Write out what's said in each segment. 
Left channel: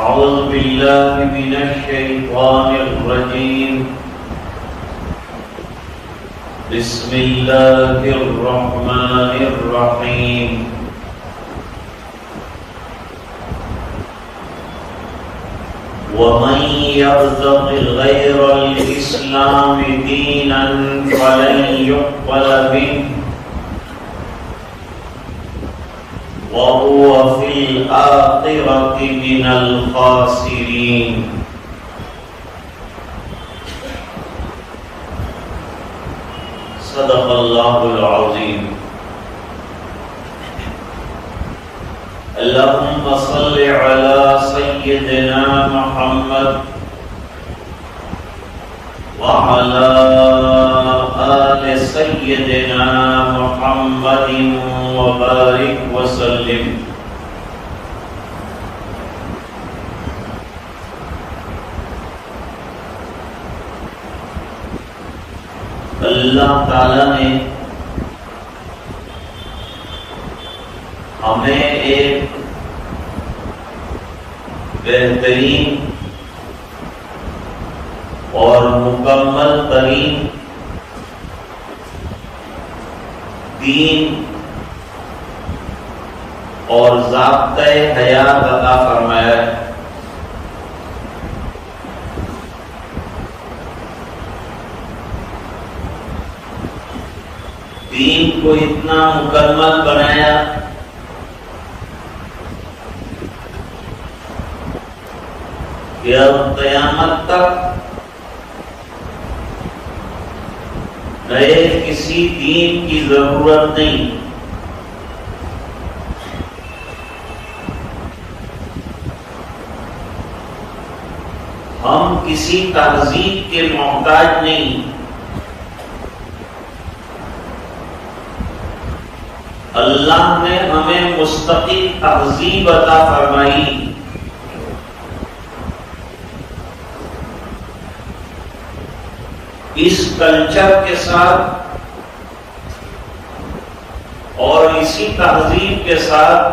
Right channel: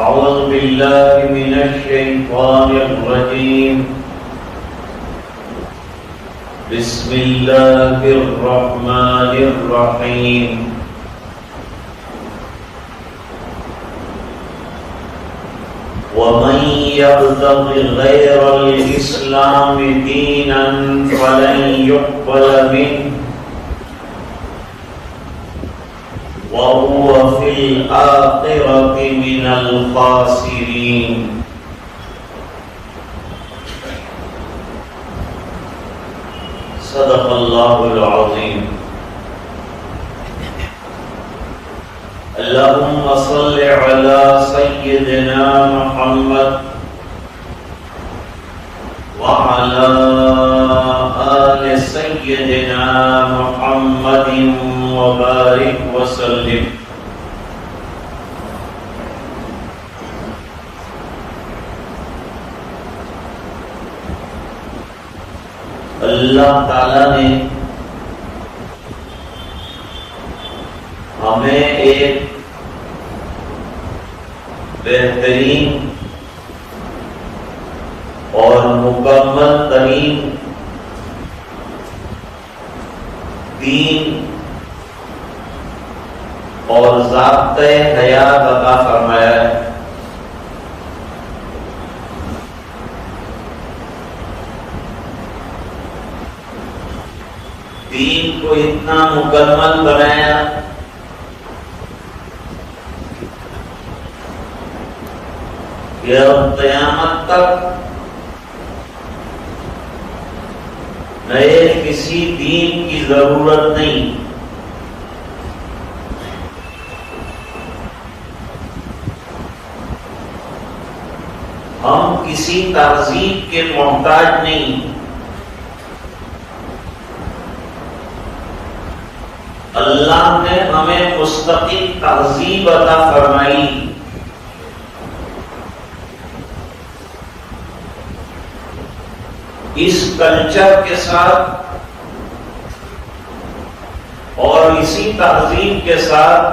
أعوذ بالله من الشيطان الرجيم. بسم الله الرحمن الرحيم. ومن يبتغ غير الإسلام دينا فلن يقبل منه وهو في الآخرة من الخاسرين. صدق الله العظيم. اللهم صل على سيدنا محمد وعلى آل سيدنا محمد وبارك وسلم. اللہ تعالی نے ہمیں ایک بہترین اور مکمل ترین دین اور ضابطۂ حیات عطا فرمایا ہے. دین کو اتنا مکمل بنایا کہ اب قیامت تک نئے کسی دین کی ضرورت نہیں. ہم کسی تہذیب کے محتاج نہیں. اللہ نے ہمیں مستقل تہذیب عطا فرمائی. اس کلچر کے ساتھ اور اسی تہذیب کے ساتھ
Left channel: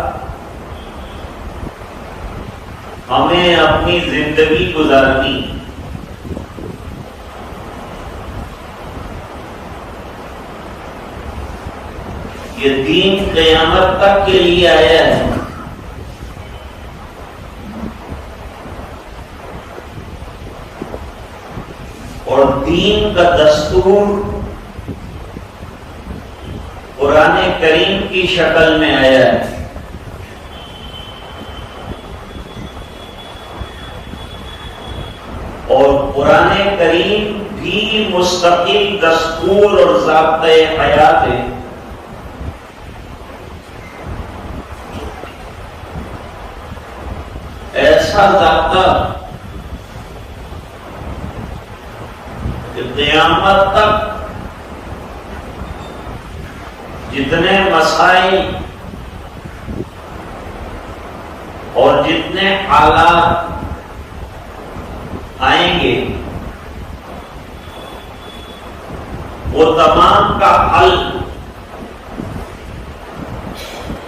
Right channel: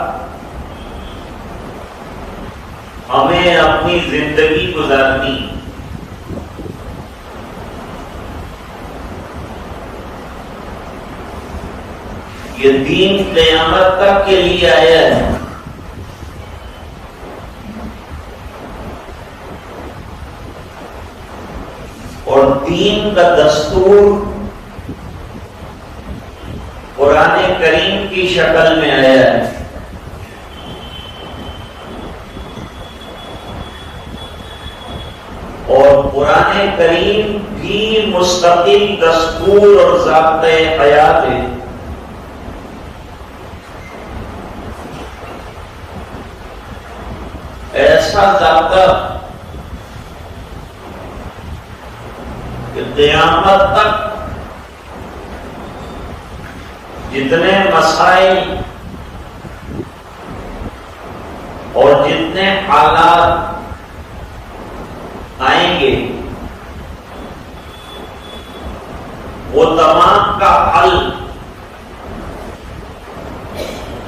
ہمیں اپنی زندگی گزارنی. یہ دین قیامت تک کے لیے آیا ہے. اور دین کا دستور قرآن کریم کی شکل میں آیا ہے. اور قرآن کریم بھی مستقل دستور اور ضابطۂ حیات ہے. ایسا ضابطہ کہ قیامت تک جتنے مسائل اور جتنے حالات آئیں گے وہ تمام کا حل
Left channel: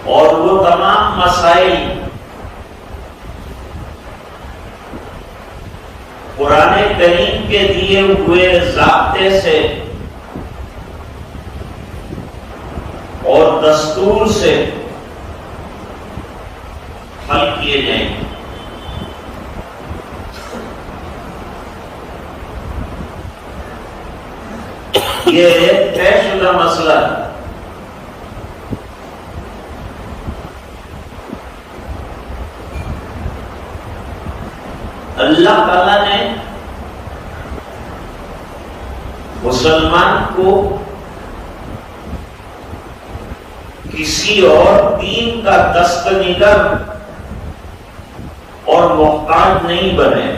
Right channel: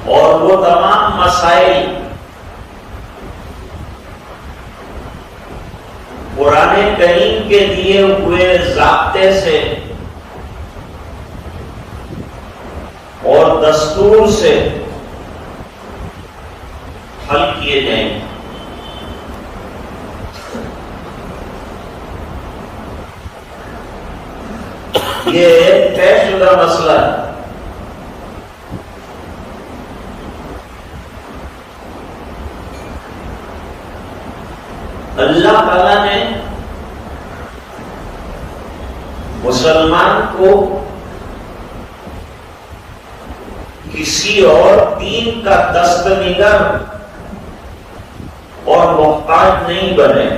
اور وہ تمام مسائل قرآن کریم کے دیے ہوئے ضابطے سے اور دستور سے حل کیے جائیں گے. یہ ایک طے شدہ مسئلہ ہے. اللہ تعالی نے مسلمان کو کسی اور دین کا دستنگر اور محتاج نہیں بنے.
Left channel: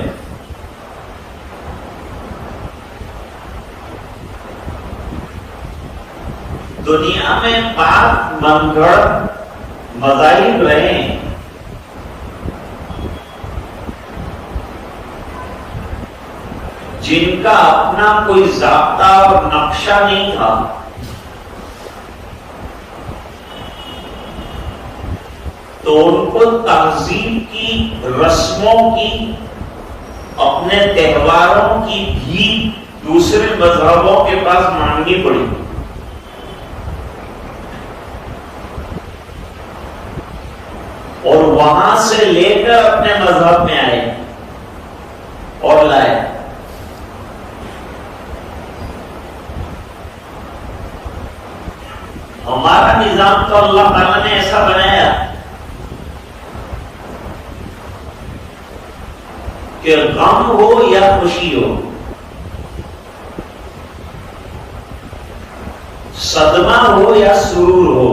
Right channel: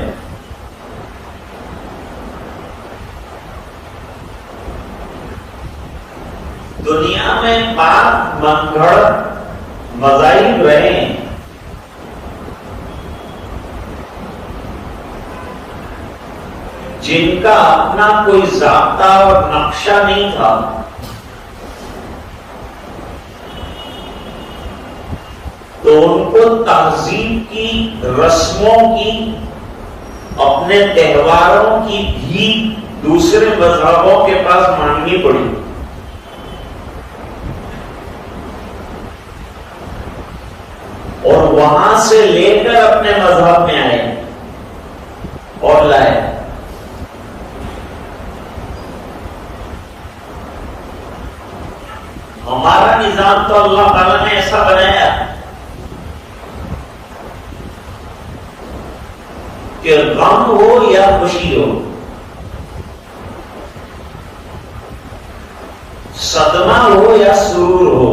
دنیا میں پاک منگڑ مذاہب رہے ہیں. جن کا اپنا کوئی ضابطہ اور نقشہ نہیں تھا. تو ان کو تہذیب کی، رسموں کی، اپنے تہواروں کی بھی دوسرے مذہبوں کے پاس مانگنی پڑی. اور وہاں سے لے کر اپنے مذہب میں آئے اور لائے. ہمارا نظام تو اللہ تعالیٰ نے ایسا بنایا کہ غم ہو یا خوشی ہو، صدمہ ہو یا سرور ہو،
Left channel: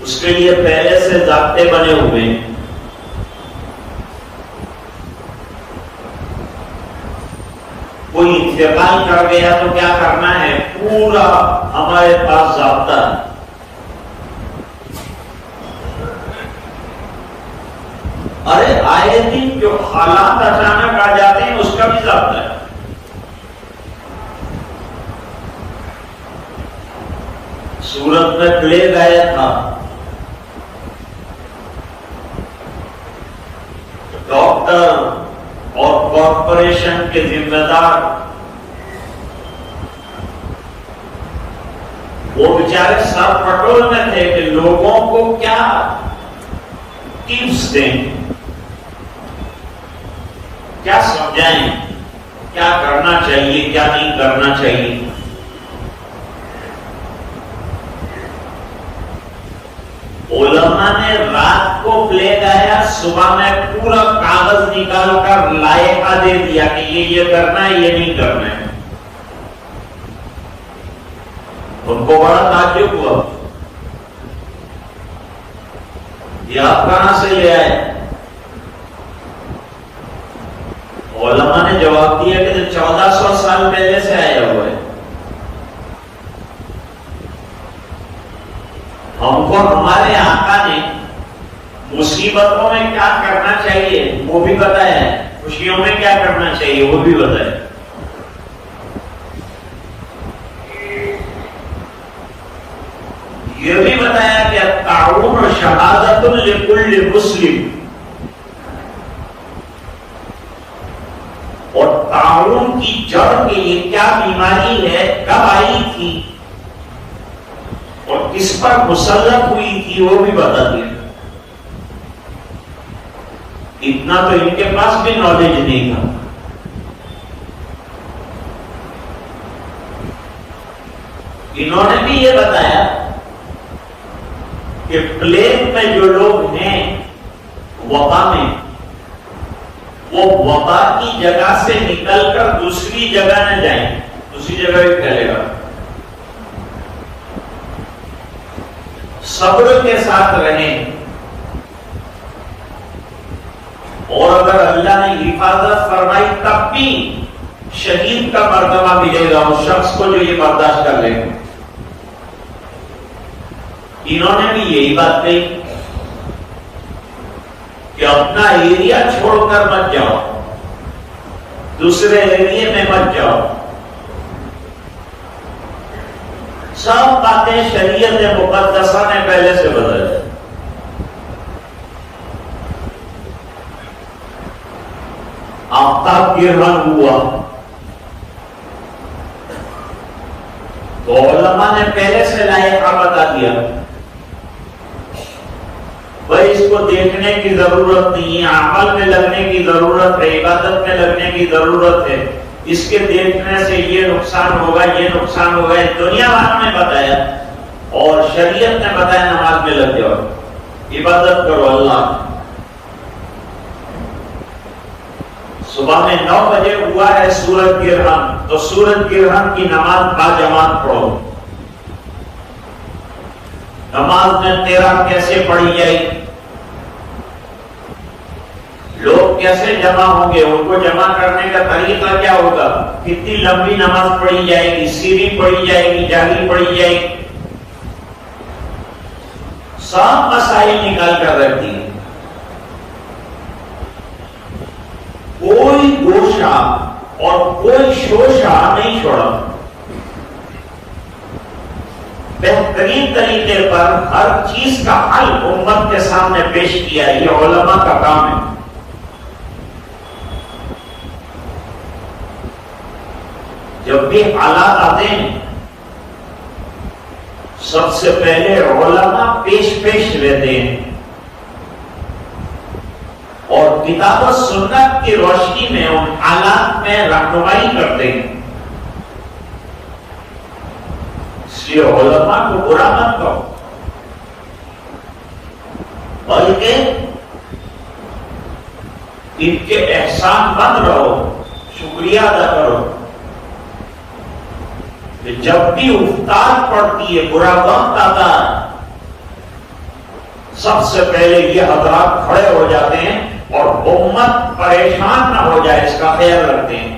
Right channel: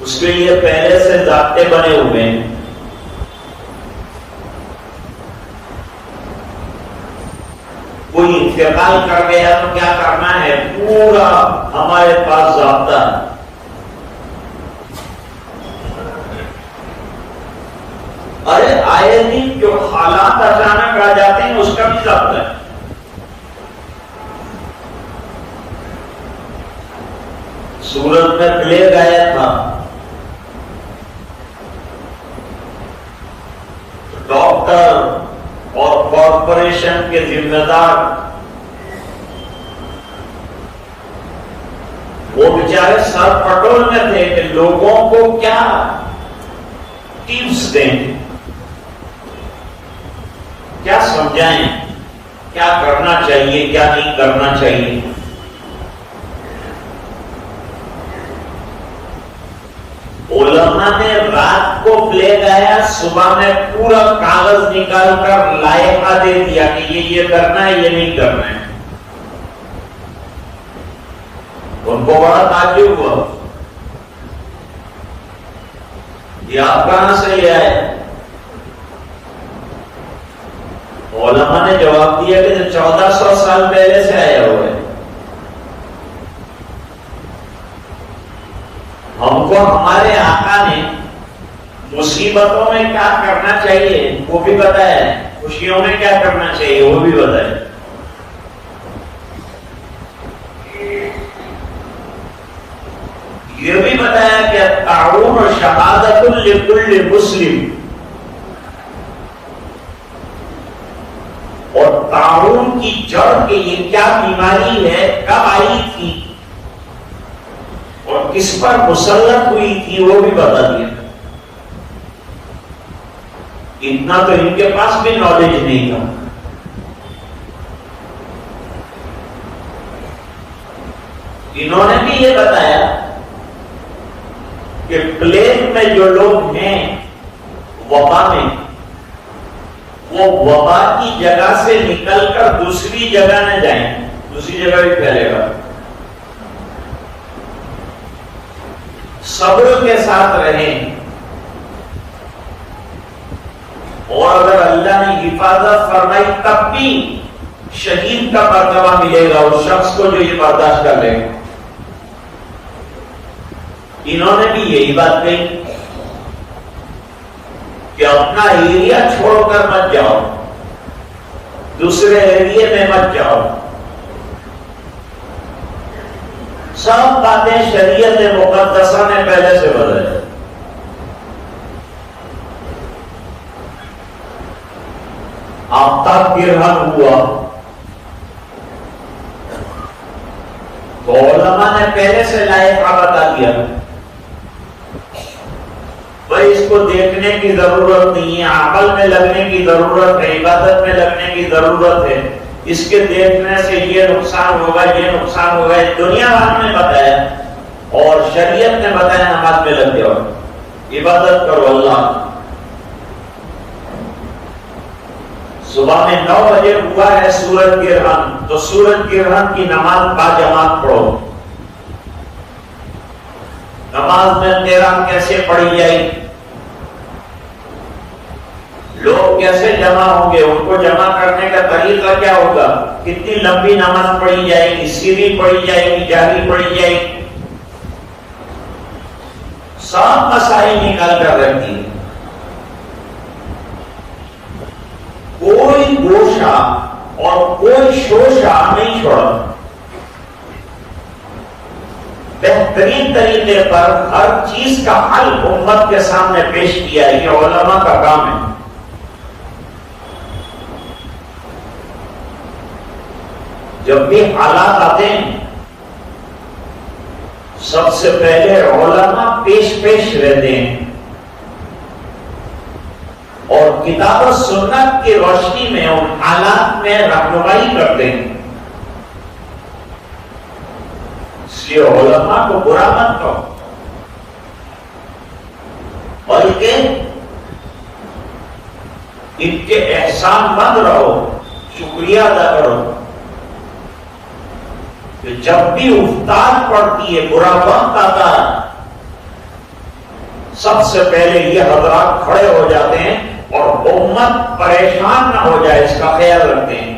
اس کے لیے پہلے سے ضابطے بنے ہوئے ہیں. کوئی انتقال کر گیا تو کیا کرنا ہے، پورا ہمارے پاس ضابطہ ہے. ارے آئے دن جو حالات اچانک آ جاتے ہیں اس کا بھی ضابطہ ہے. سورت میں پلیگ آیا تھا، ڈاکٹر اور کارپوریشن کے ذمہ دار وہ بیچارے سر پٹول میں تھے کہ لوگوں کو کیا ٹپس دیں، کیا سمجھائیں، کیا کرنا چاہیے، کیا نہیں کرنا چاہیے. علماء نے رات کو پلیگ آیا، صبح میں پورا کاغذ نکال کر لائحہ دے دیا کہ یہ کرنا ہے، یہ نہیں کرنا ہے. ان کو بڑا تعجب ہوا، یہ آپ کہاں سے لے آئے؟ علماء نے جواب دیا کہ 1400 سال پہلے سے آئے ہوئے. ہم کو ہمارے آقا نے مصیبتوں میں کیا کرنا چاہیے وہ بھی بتایا، خوشیوں میں کیا کرنا چاہیے وہ بھی بتایا. یہ بھی بتایا کہ تعاون و شہادت لکل مسلم، اور تعاون کی جڑ کے یہ کیا بیماری ہے، کب آئی تھی اور کس پر مسلط ہوئی تھی وہ بھی بتا دیا. اتنا تو ان کے پاس بھی نالج نہیں تھا. انہوں نے بھی یہ بتایا کہ پلیگ میں جو لوگ ہیں وبا میں، وہ وبا کی جگہ سے نکل کر دوسری جگہ نہ جائیں، دوسری جگہ بھی پھیلے گا. صبر کے ساتھ رہیں، اور اگر اللہ نے حفاظت فرمائی تب بھی شہید کا مرتبہ ملے گا اس شخص کو جو یہ برداشت کر لے. انہوں نے بھی یہی بات کہی کہ اپنا ایریا چھوڑ کر مت جاؤ، دوسرے ایریے میں مت جاؤ. سب باتیں شریعت مقدسہ نے پہلے سے بدلے. آفتاب گرہن ہوا تو علماء نے پہلے سے لائحہ بتا دیا، بھائی اس کو دیکھنے کی ضرورت نہیں ہے، عمل میں لگنے کی ضرورت ہے، عبادت میں لگنے کی ضرورت ہے. اس کے دیکھنے سے یہ نقصان ہوگا، یہ نقصان ہوگا. دنیا بھر میں بتایا اور شریعت نے بتایا نماز میں لگ جاؤ، عبادت کرو اللہ. صبح میں 9 بجے ہوا ہے سورج گرہن، تو سورج گرہن کی نماز باجماعت پڑھو. نماز میں قرات کیسے پڑھی جائے گی، لوگ کیسے جمع ہوں گے، ان کو جمع کرنے کا طریقہ کیا ہوگا، کتنی لمبی نماز پڑھی جائے گی، سری پڑھی جائے گی، جہری پڑھی جائے گی، سب مسائل نکال کر رکھتی ہیں. کوئی گوشہ اور کوئی شوشہ نہیں چھوڑا. بہترین طریقے پر ہر چیز کا حل امت کے سامنے پیش کیا. یہ علماء کا کام ہے. جب بھی حالات آتے ہیں سب سے پہلے علماء پیش رہتے ہیں اور کتاب و سنت کی روشنی میں ان حالات میں رہنمائی کرتے ہیں. اس لیے علماء کو برا مت کرو بلکہ ان کے احسان مند رہو، شکریہ ادا کرو. جب بھی افطار پڑتی ہے، برا وقت آتا ہے، سب سے پہلے یہ حضرات کھڑے ہو جاتے ہیں اور امت پریشان نہ ہو جائے اس کا خیال رکھتے ہیں.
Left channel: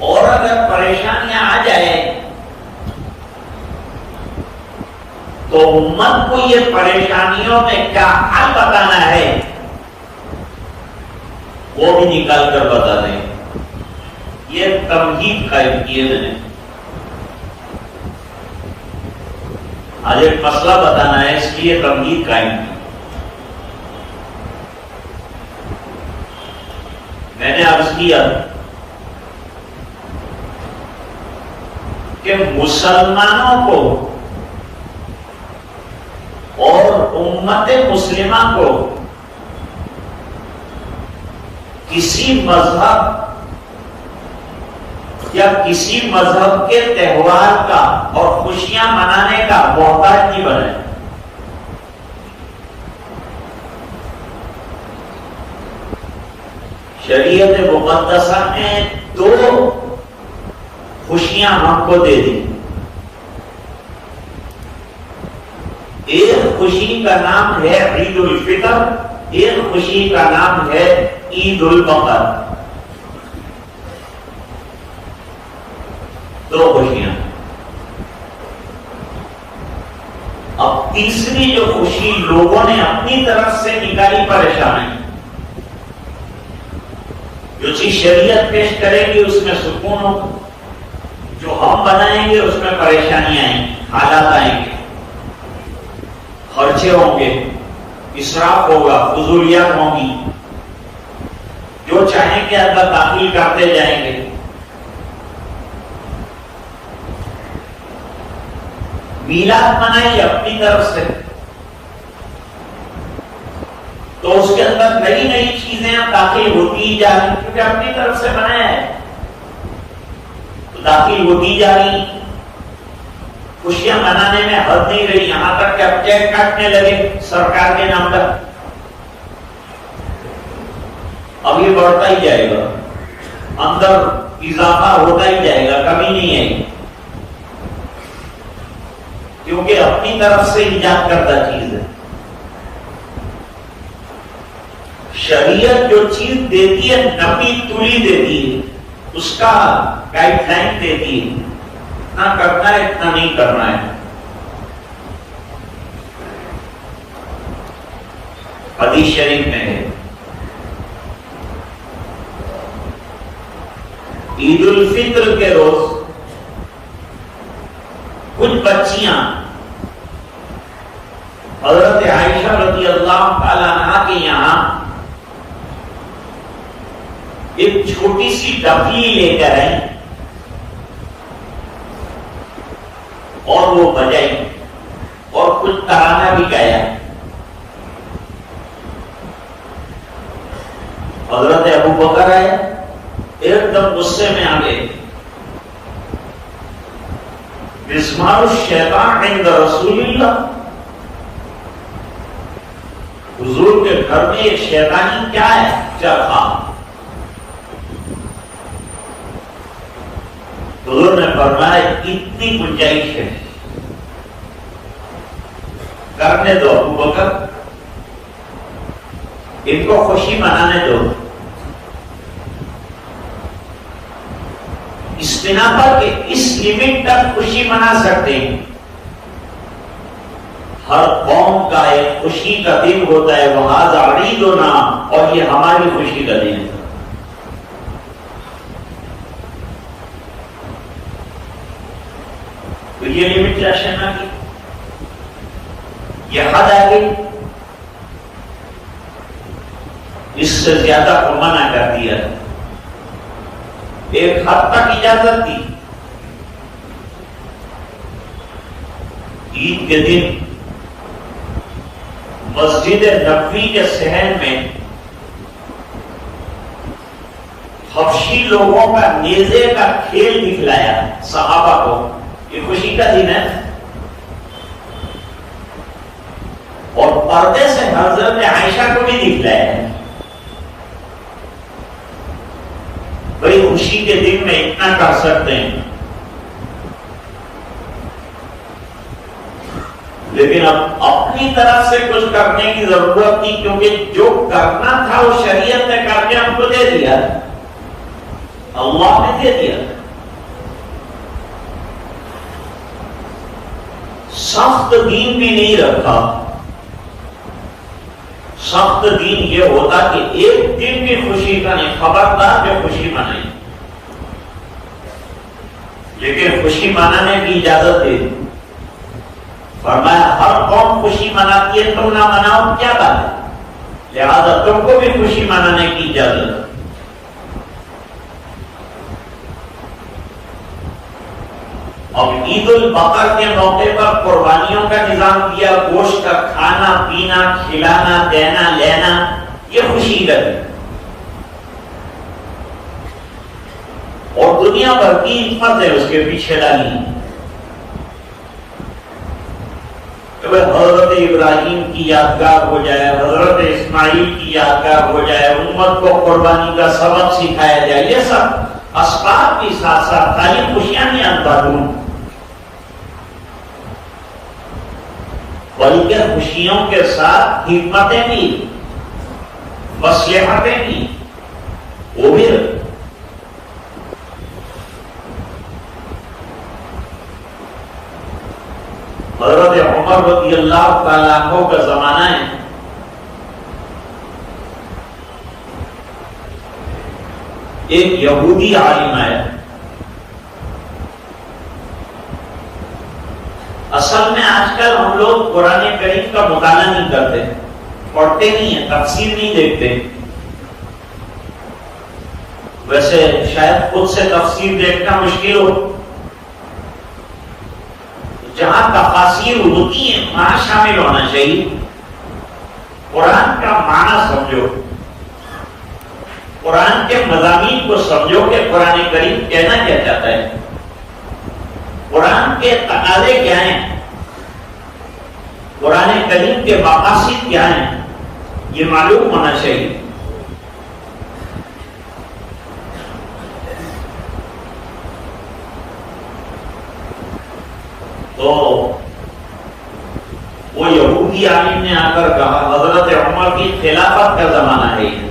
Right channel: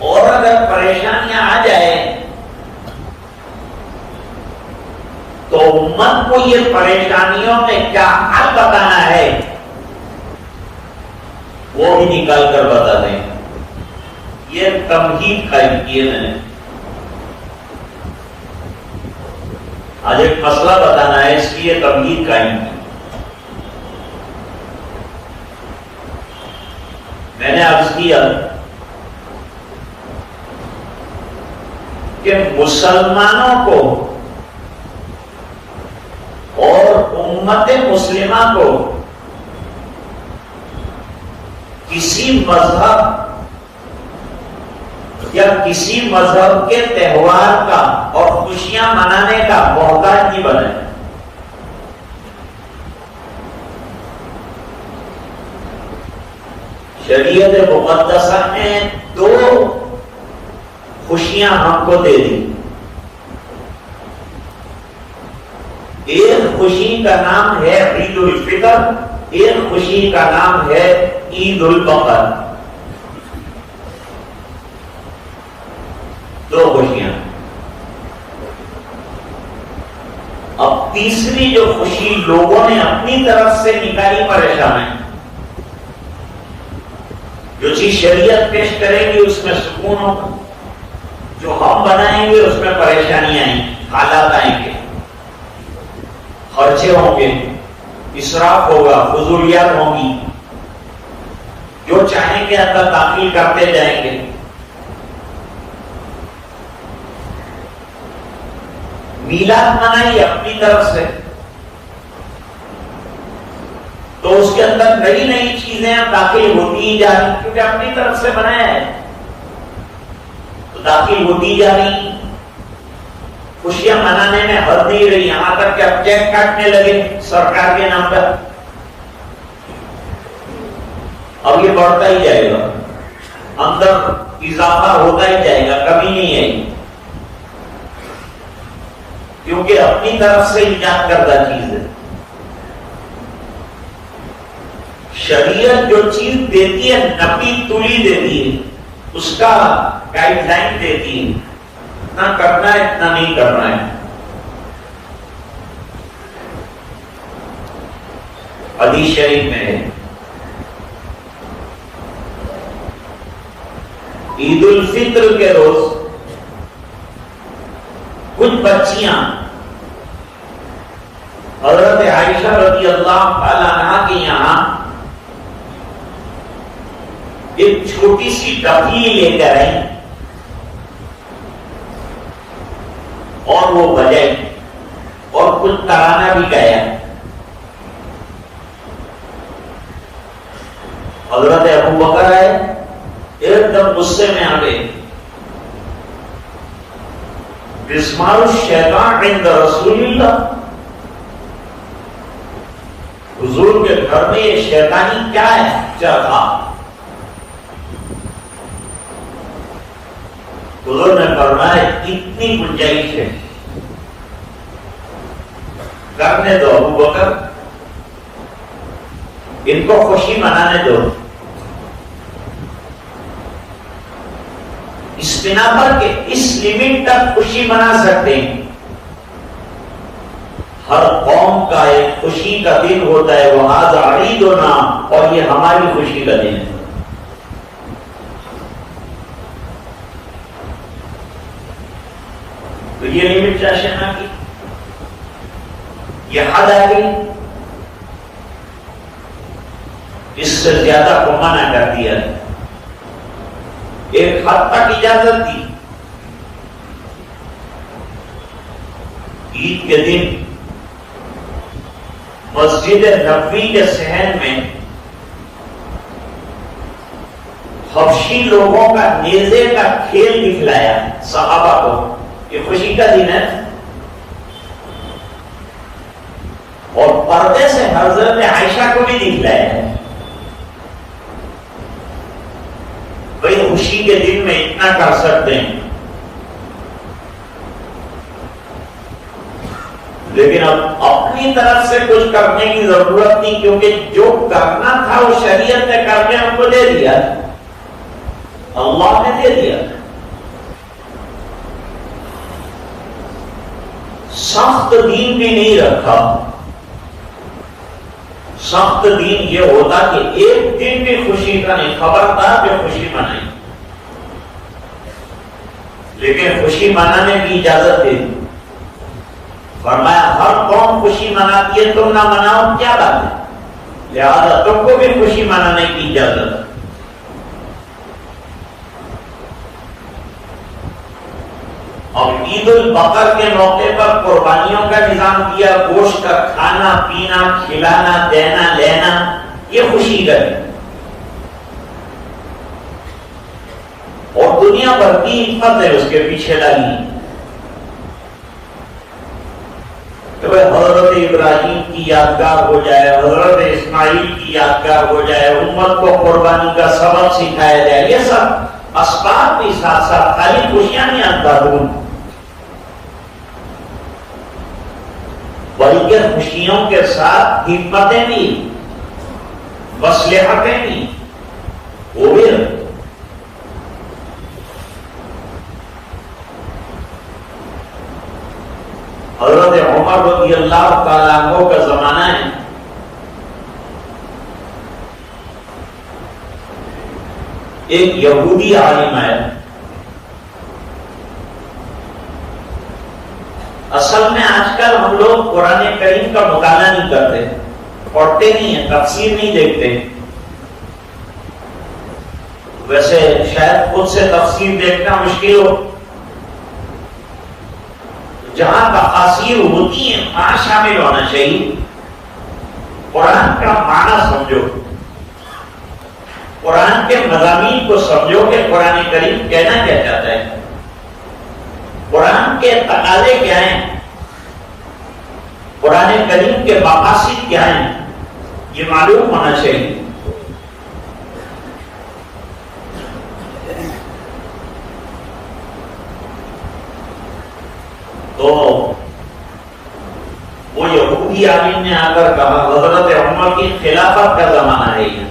اور اگر پریشانیاں آ جائیں تو امت کو یہ پریشانیوں میں کیا حل بتانا ہے وہ بھی نکال کر بتا دیں. یہ تمہید قائم کیے ہیں. آج ایک مسئلہ بتانا ہے، اس کی یہ تمہید قائم کی. میں نے عرض کیا کہ مسلمانوں کو اور امت مسلمہ کو کسی مذہب یا کسی مذہب کے تہوار کا اور خوشیاں منانے کا محتاج نہیں بنے. شریعت مقدسہ نے 2 خوشیاں ہم کو دے دی. ایک خوشی کا نام ہے عید الفطر، ایک خوشی کا نام ہے عید البقر. 2 خوشیاں. اب تیسری جو خوشی لوگوں نے اپنی طرف سے نکالی پریشانی، جو چیز شریعت پیش کرے گی اس میں سکون ہو، جو ہم بنائیں گے اس میں پریشانیاں آئیں گی، حالات آئیں گے، خرچے ہوں گے، اسراف ہوگا، فضولیات ہوں گی، جو چاہیں گے اندر داخل کرتے جائیں گے. میلاد منائی اپنی طرف سے تو اس کے اندر نئی نئی چیزیں داخل ہوتی جا رہی، کیونکہ اپنی طرف سے بنایا ہے تو داخل ہوتی جا رہی. خوشیاں منانے میں حد نہیں رہی، یہاں تک کہ اب کیک کاٹنے لگے سرکار کے نام پر. اب یہ بڑھتا ہی جائے گا، اندر اضافہ ہوتا ہی جائے گا، کمی نہیں آئے گی، کیونکہ اپنی طرف سے ایجاد کردہ چیز ہے. شریعت جو چیز دیتی ہے نپی تلی دیتی ہے، اس کا گائیڈ لائن دیتی ہے، اتنا کرنا ہے اتنا نہیں کرنا ہے. حدیث شریف میں ہے عید الفطر کے روز کچھ بچیاں حضرت عائشہ رضی اللہ تعالی عنہا کے یہاں ایک چھوٹی سی ڈبلی لے کر آئی اور وہ بجائی اور کچھ ترانہ بھی گایا. حضرت ابو بکر آئے، ایک دم غصے میں آ گئے. مسمار الشیطان عند رسول اللہ، حضور کے گھر میں یہ شیطانی کیا ہے؟ چرخا. تو حضور نے فرمایا اتنی گنجائش ہے، کرنے دو ابو بکر، ان کو خوشی منانے دو. اس بنا پر کہ اس لمٹ تک خوشی منا سکتے ہیں. ہر قوم کا ایک خوشی کا دن ہوتا ہے، وہذا عیدنا، اور یہ ہماری خوشی کا دن ہے. تو یہ لمیٹیشن آ گئی، یہ حد آ گئی، اس سے زیادہ کو منع کر دیا ہے۔ ایک حد تک اجازت دی، عید کے دن مسجد نبوی کے صحن میں حبشی لوگوں کا نیزے کا کھیل دکھلایا صحابہ کو، یہ خوشی کا دن ہے، اور پردے سے حضرت عائشہ کو بھی دکھلایا ہے۔ بھائی خوشی کے دن میں اتنا کر سکتے ہیں، لیکن اب اپنی طرف سے کچھ کرنے کی ضرورت نہیں، کیونکہ جو کرنا تھا وہ شریعت نے کر کے ہم کو دے دیا، اللہ نے دے دیا۔ سخت دین بھی نہیں رکھا، سخت دین یہ ہوتا کہ ایک دن بھی خوشی کا نہیں، خبردار جو خوشی منائی، لیکن خوشی منانے کی اجازت دے دی۔ فرمایا ہر قوم خوشی مناتی ہے، تم نہ مناؤ کیا بات ہے، لہذا تم کو بھی خوشی منانے کی اجازت۔ اب عید البقر کے موقع پر قربانیوں کا نظام کیا، گوشت کا کھانا پینا، کھلانا دینا لینا، یہ خوشی ہے، اور دنیا بھر کی حکمت ہے اس کے پیچھے لگی۔ حضرت ابراہیم کی یادگار ہو جائے، حضرت اسماعیل کی یادگار ہو جائے، امت کو قربانی کا سبق سکھایا جائے، یہ سب اسباب کے ساتھ ساتھ خالی خوشیاں نہیں اندر ہوں، بلکہ خوشیوں کے ساتھ حکمتیں بھی، مصلحتیں بھی، وہ بھی حضرت عمر رضی اللہ تعالیٰ عنہ کا زمانہ ہے، ایک یہودی عالم ہے، اصل میں آج کل ہم لوگ قرآن کریم کا مطالعہ نہیں کرتے، پڑھتے نہیں ہیں، تفسیر نہیں دیکھتے، ویسے شاید خود سے تفسیر دیکھنا مشکل ہو، جہاں تفاسیر ہوتی ہیں وہاں شامل ہونا چاہیے، قرآن کا معنی سمجھو، قرآن کے مضامین کو سمجھو کہ قرآن کریم کہنا کیا چاہتا ہے، قرآن کے تقاضے کیا ہیں، قرآن کریم کے مقاصد کیا ہیں، یہ معلوم ہونا چاہیے۔ تو وہ یہودی عالم نے آ کر کہا، حضرت عمر کی خلافت کا زمانہ ہے یہ،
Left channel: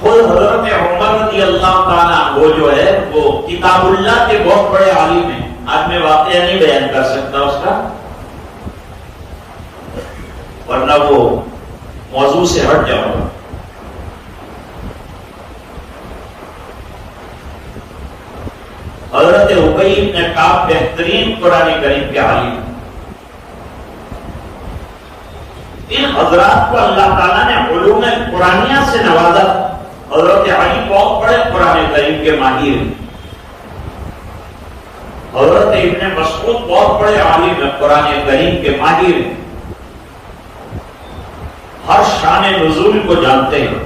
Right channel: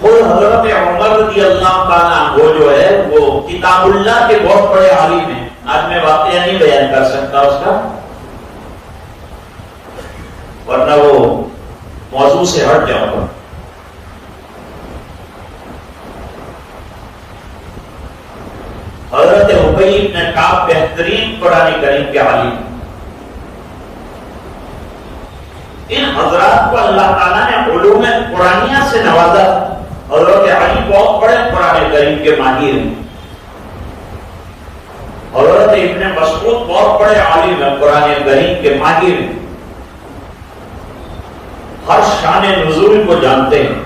خود حضرت عمر رضی اللہ تعالیٰ وہ جو ہے وہ کتاب اللہ کے بہت بڑے عالم ہیں، آج میں واقعہ نہیں بیان کر سکتا اس کا، ورنہ وہ موضوع سے ہٹ جاؤں گا۔ حضرت ابی بن کعب بہترین قرآن کریم کے عالم، ان حضرات کو اللہ تعالیٰ نے علوم قرآنیہ سے نوازا۔ حضرت علی بہت بڑے قرآن کریم کے ماہر ہیں، حضرت ابن مسعود بہت بڑے عالم ہیں، قرآن کریم کے ماہر ہیں، ہر شان نزول کو جانتے ہیں۔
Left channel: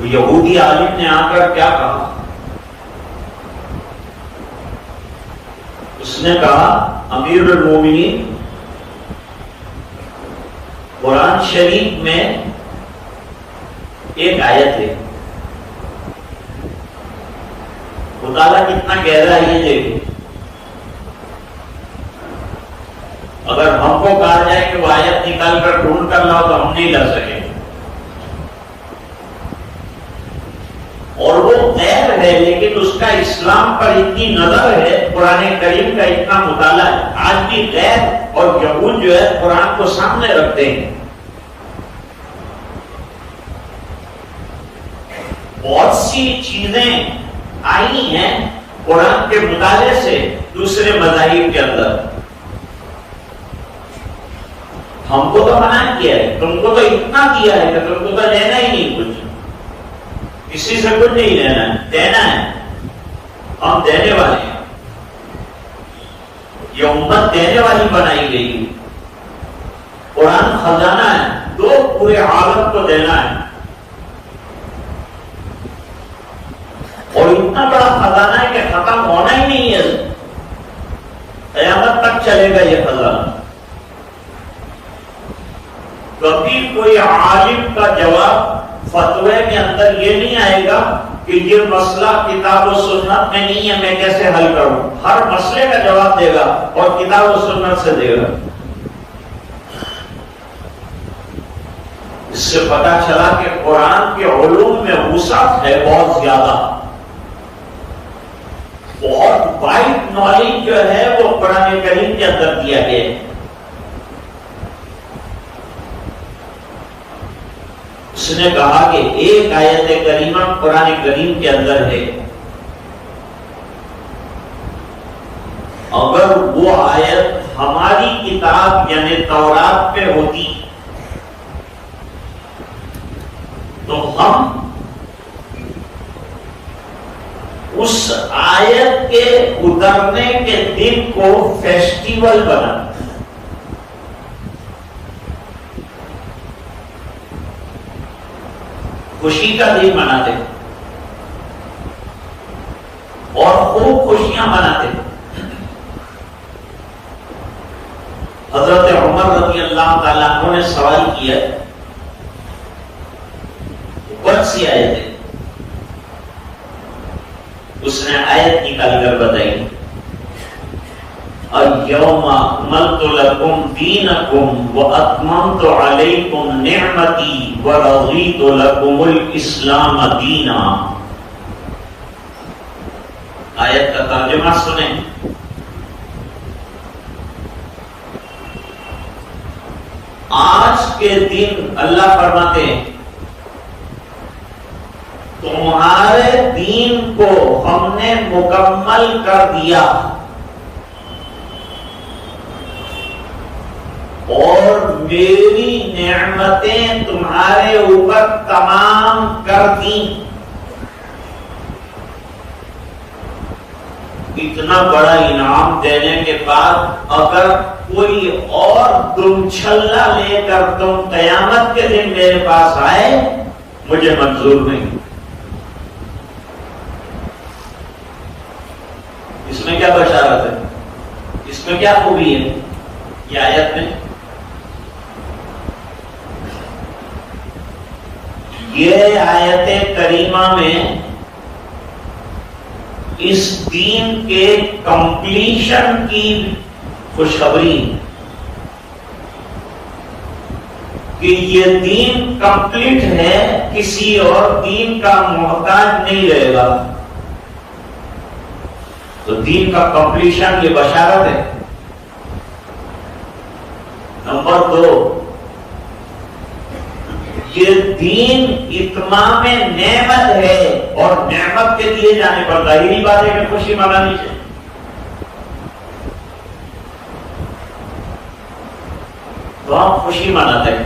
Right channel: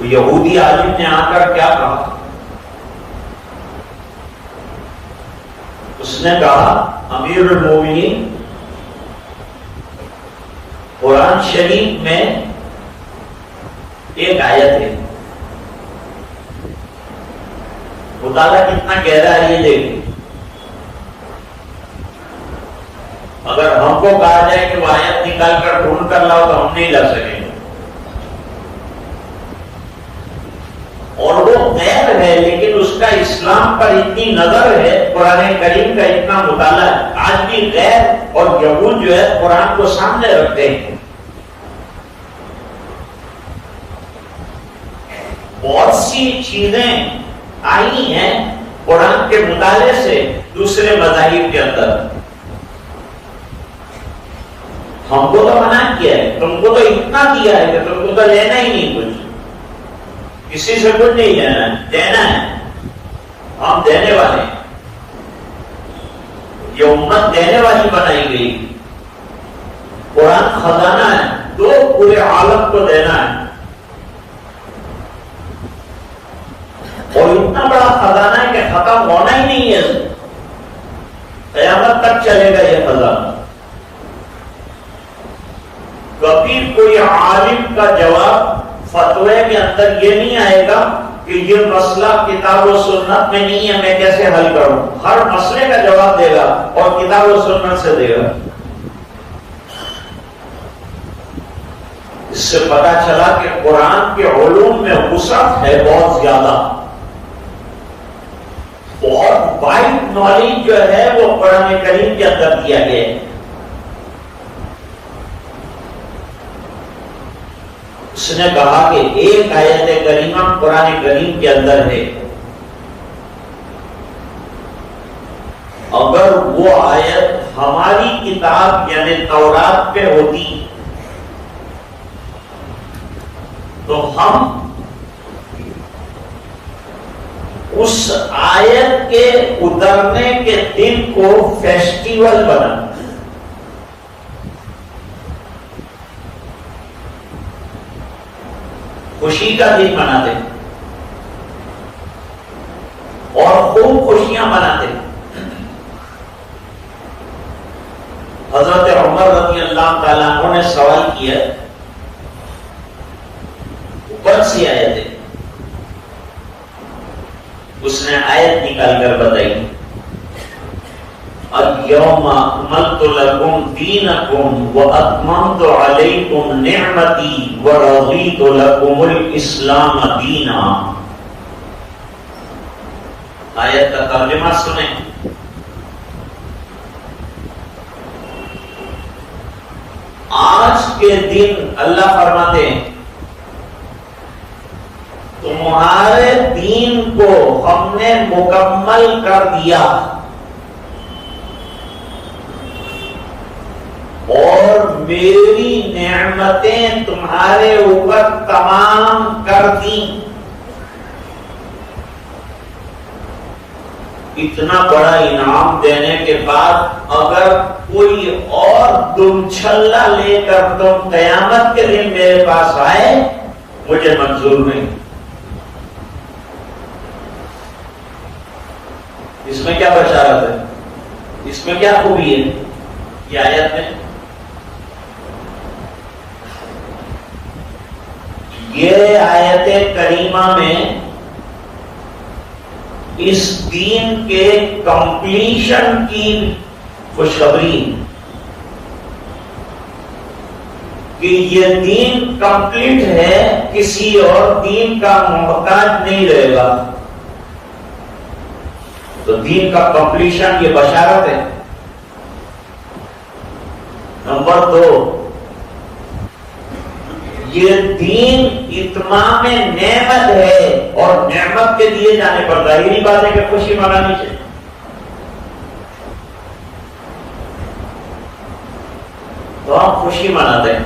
یہودی عالم نے آ کر کیا کہا؟ اس نے کہا امیر المومنین، قرآن شریف میں ایک آیت ہے، مطالعہ کتنا گہرا ہے یہ دیکھیں، اگر ہم کو کہا جائے کہ وہ آیت نکال کر ڈھونڈ کر لاؤ تو ہم نہیں لا سکیں گے، اور وہ غیر ہے لیکن اس کا اسلام پر اتنی نظر ہے، قرآن کریم کا اتنا مطالعہ ہے، آج بھی غیر اور یہود جو ہے قرآن کو سامنے رکھتے ہیں، بہت سی چیزیں آئی ہیں قرآن کے مطالعے سے دوسرے مذاہب کے اندر. ہم کو تو منع کیا ہے، تم کو تو اتنا کیا ہے کہ تم کو تو لینا ہی نہیں کچھ، کسی سے کچھ نہیں لینا ہے، دینا ہے. ہم دینے والے ہیں، یہ امت دینے والی بنائی گئی. قرآن خزانہ ہے، دو پورے عالم کو دینا ہے. اور اتنا بڑا خزانہ ہے کہ ختم ہونا ہی نہیں ہے، قیامت تک چلے گا یہ خزانہ. کبھی کوئی عالم کا جواب فتوے کے اندر یہ نہیں آئے گا کہ یہ مسئلہ کتاب و سنت میں نہیں ہے، میں کیسے حل کروں. ہر مسئلے کا جواب دے گا اور کتاب و سنت سے دے گا. اس سے پتا چلا کہ قرآن کے علوم میں وسعت ہے بہت زیادہ. بہت وائڈ نالج جو ہے وہ قرآن کریم کے اندر دیا گیا ہے. اس نے کہا کہ ایک آیت کریمہ قرآن کریم کے اندر ہے، اگر وہ آیت ہماری کتاب یعنی تورات پہ ہوتی تو ہم اس آیت کے اترنے کے دن کو فیسٹیول بنا، خوشی کا دن مناتے اور خوب خوشیاں مناتے. حضرت عمر رضی اللہ تعالیٰ عنہ نے سوال کیا، کون سی آیت ہے؟ اس نے آیت نکال کر بتائی، اليوم اکملت لکم دینکم واتممت علیکم نعمتی ورضیت لکم الاسلام دینا. آیت کا ترجمہ سنیں. آج کے دن اللہ فرماتے ہیں تمہارے دین کو ہم نے مکمل کر دیا اور میری نعمتیں تمہارے اوپر تمام کر دی. اتنا بڑا انعام دینے کے بعد اگر کوئی اور دم چھلا لے کر تم قیامت کے دن میرے پاس آئے مجھے منظور نہیں. اس میں کیا بشارت ہے؟ اس میں کیا خوبی ہے؟ یہ آیت میں یہ آیت کریمہ میں اس دین کے کمپلیشن کی خوشخبری کہ یہ دین کمپلیٹ ہے، کسی اور دین کا محتاج نہیں رہے گا. تو دین کا کمپلیشن یہ بشارت ہے. نمبر 2، یہ دین اتمام نعمت ہے اور نعمت کے دیے جانے پر ظاہری بات ہے کہ خوشی منانی چاہیے. تو ہم خوشی مناتے ہیں.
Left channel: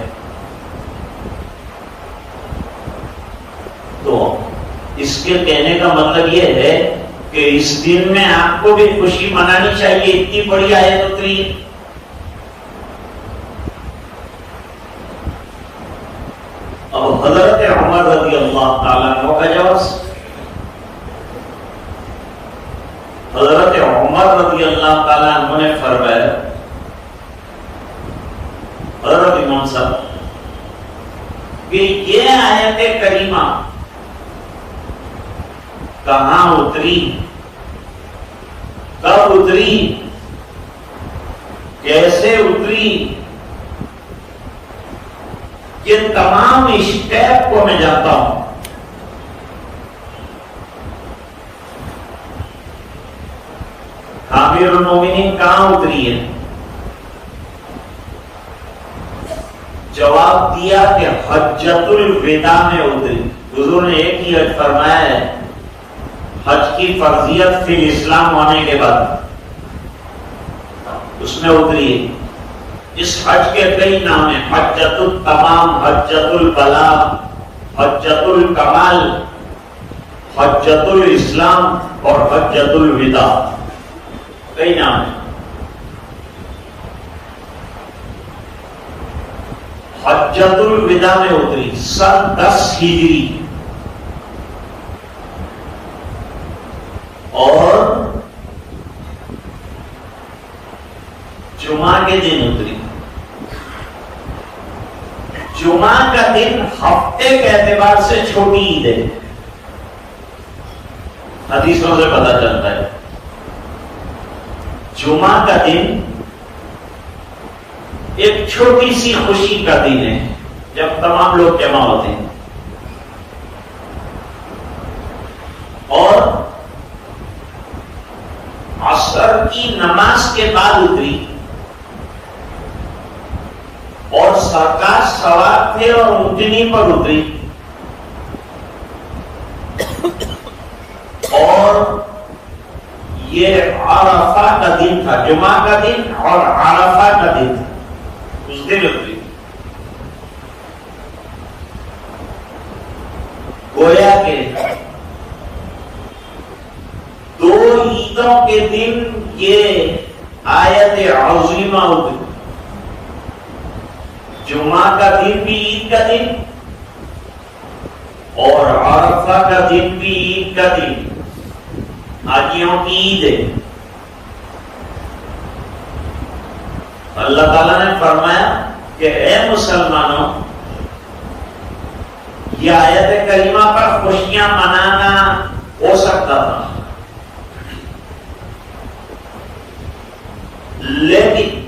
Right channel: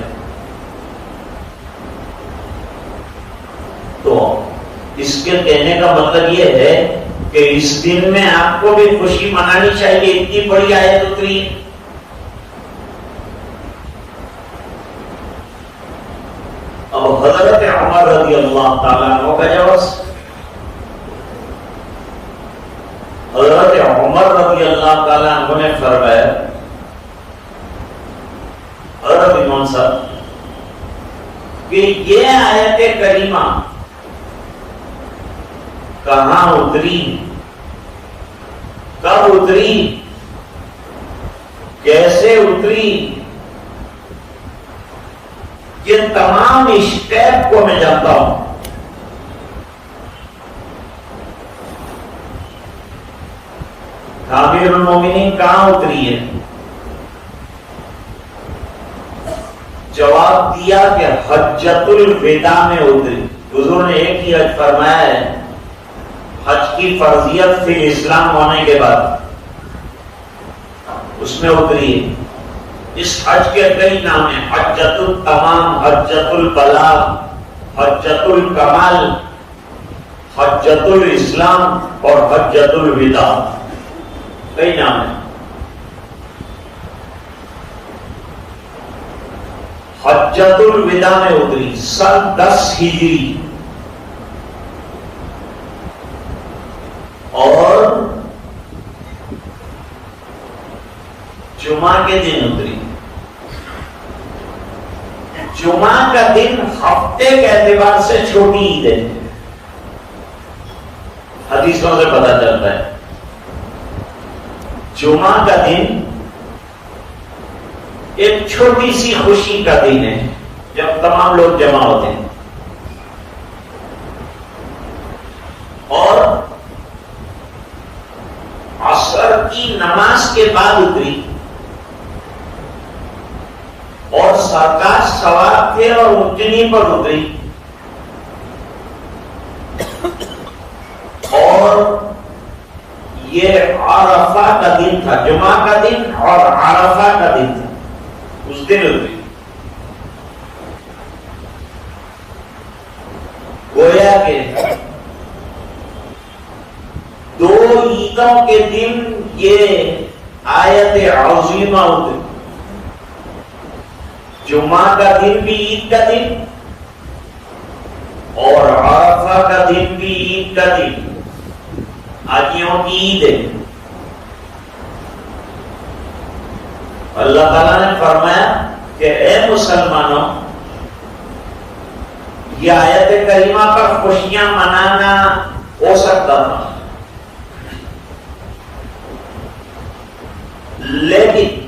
تو اس کے کہنے کا مطلب یہ ہے کہ اس دن میں آپ کو بھی خوشی منانی چاہیے. اتنی بڑی آیت اتری. اور حضرت عمر رضی اللہ تعالیٰ عنہ کا جواز، حضرت عمر رضی اللہ تعالیٰ عنہ نے فرمایا، حضرت امام صاحب، کہ یہ آیت کریمہ کہاں اتری، کب اتری، کیسے اتری، یہ تمام اسٹیپ کو میں جانتا ہوں. امیر المومنین کہاں اتری ہے؟ جواب دیا کہ حجۃ الوداع میں اتری. حضور نے ایک ہی حج فرمایا ہے، حج کی فرضیت پھر اسلام ہونے کے بعد اس میں اتری ہے۔ اس حج کے کئی نام ہیں، حجۃ التمام، حجۃ البلاغ، حجۃ الکمال، حجۃ الاسلام اور حجۃ الوداع، کئی نام ہیں۔ حجۃ الوداع میں اتری سن 10 ہجری اور جمعہ کے دن اتری۔ جمعہ کا دن ہفتے کے اعتبار سے چھوٹی عید ہے، حدیثوں سے پتہ چلتا ہے۔ جمعہ کا دن ایک چھوٹی سی خوشی کا دن ہے جب تمام لوگ جمع ہوتے ہیں، اور عصر کی نماز کے بعد اتری، اور سرکار سوار تھے اور اونٹنی پر اتری، اور یہ عرفہ کا دن تھا، جمعہ کا دن اور عرفہ کا دن تھا، اس دن اتری۔ گویا کہ 2 عیدوں کے دن یہ آیت عظیمہ اتری، جمعہ کا دن بھی عید کا دن اور عرفہ کا دن بھی عید کا دن، حاجیوں کی عید ہے۔ اللہ تعالیٰ نے فرمایا کہ اے مسلمانوں، یہ آیت کریمہ پر خوشیاں منانا ہو سکتا تھا، لیکن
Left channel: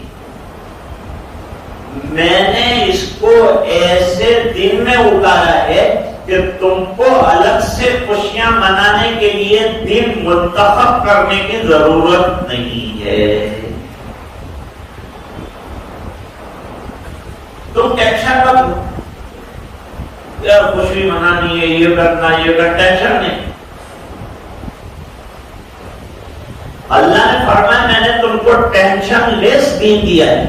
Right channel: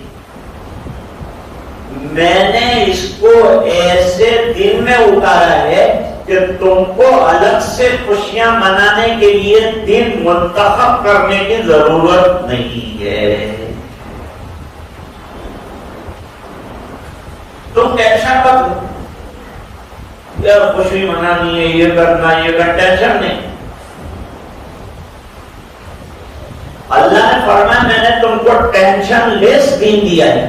میں نے اس کو ایسے دن میں اتارا ہے کہ تم کو الگ سے خوشیاں منانے کے لیے دن منتخب کرنے کی ضرورت نہیں ہے۔ تم ٹینشن مت لو، یار خوشی منانی ہے، یہ کرنا یہ کر، ٹینشن نہیں۔ اللہ نے فرمایا میں نے تم کو ٹینشن لیس دین دیا ہے،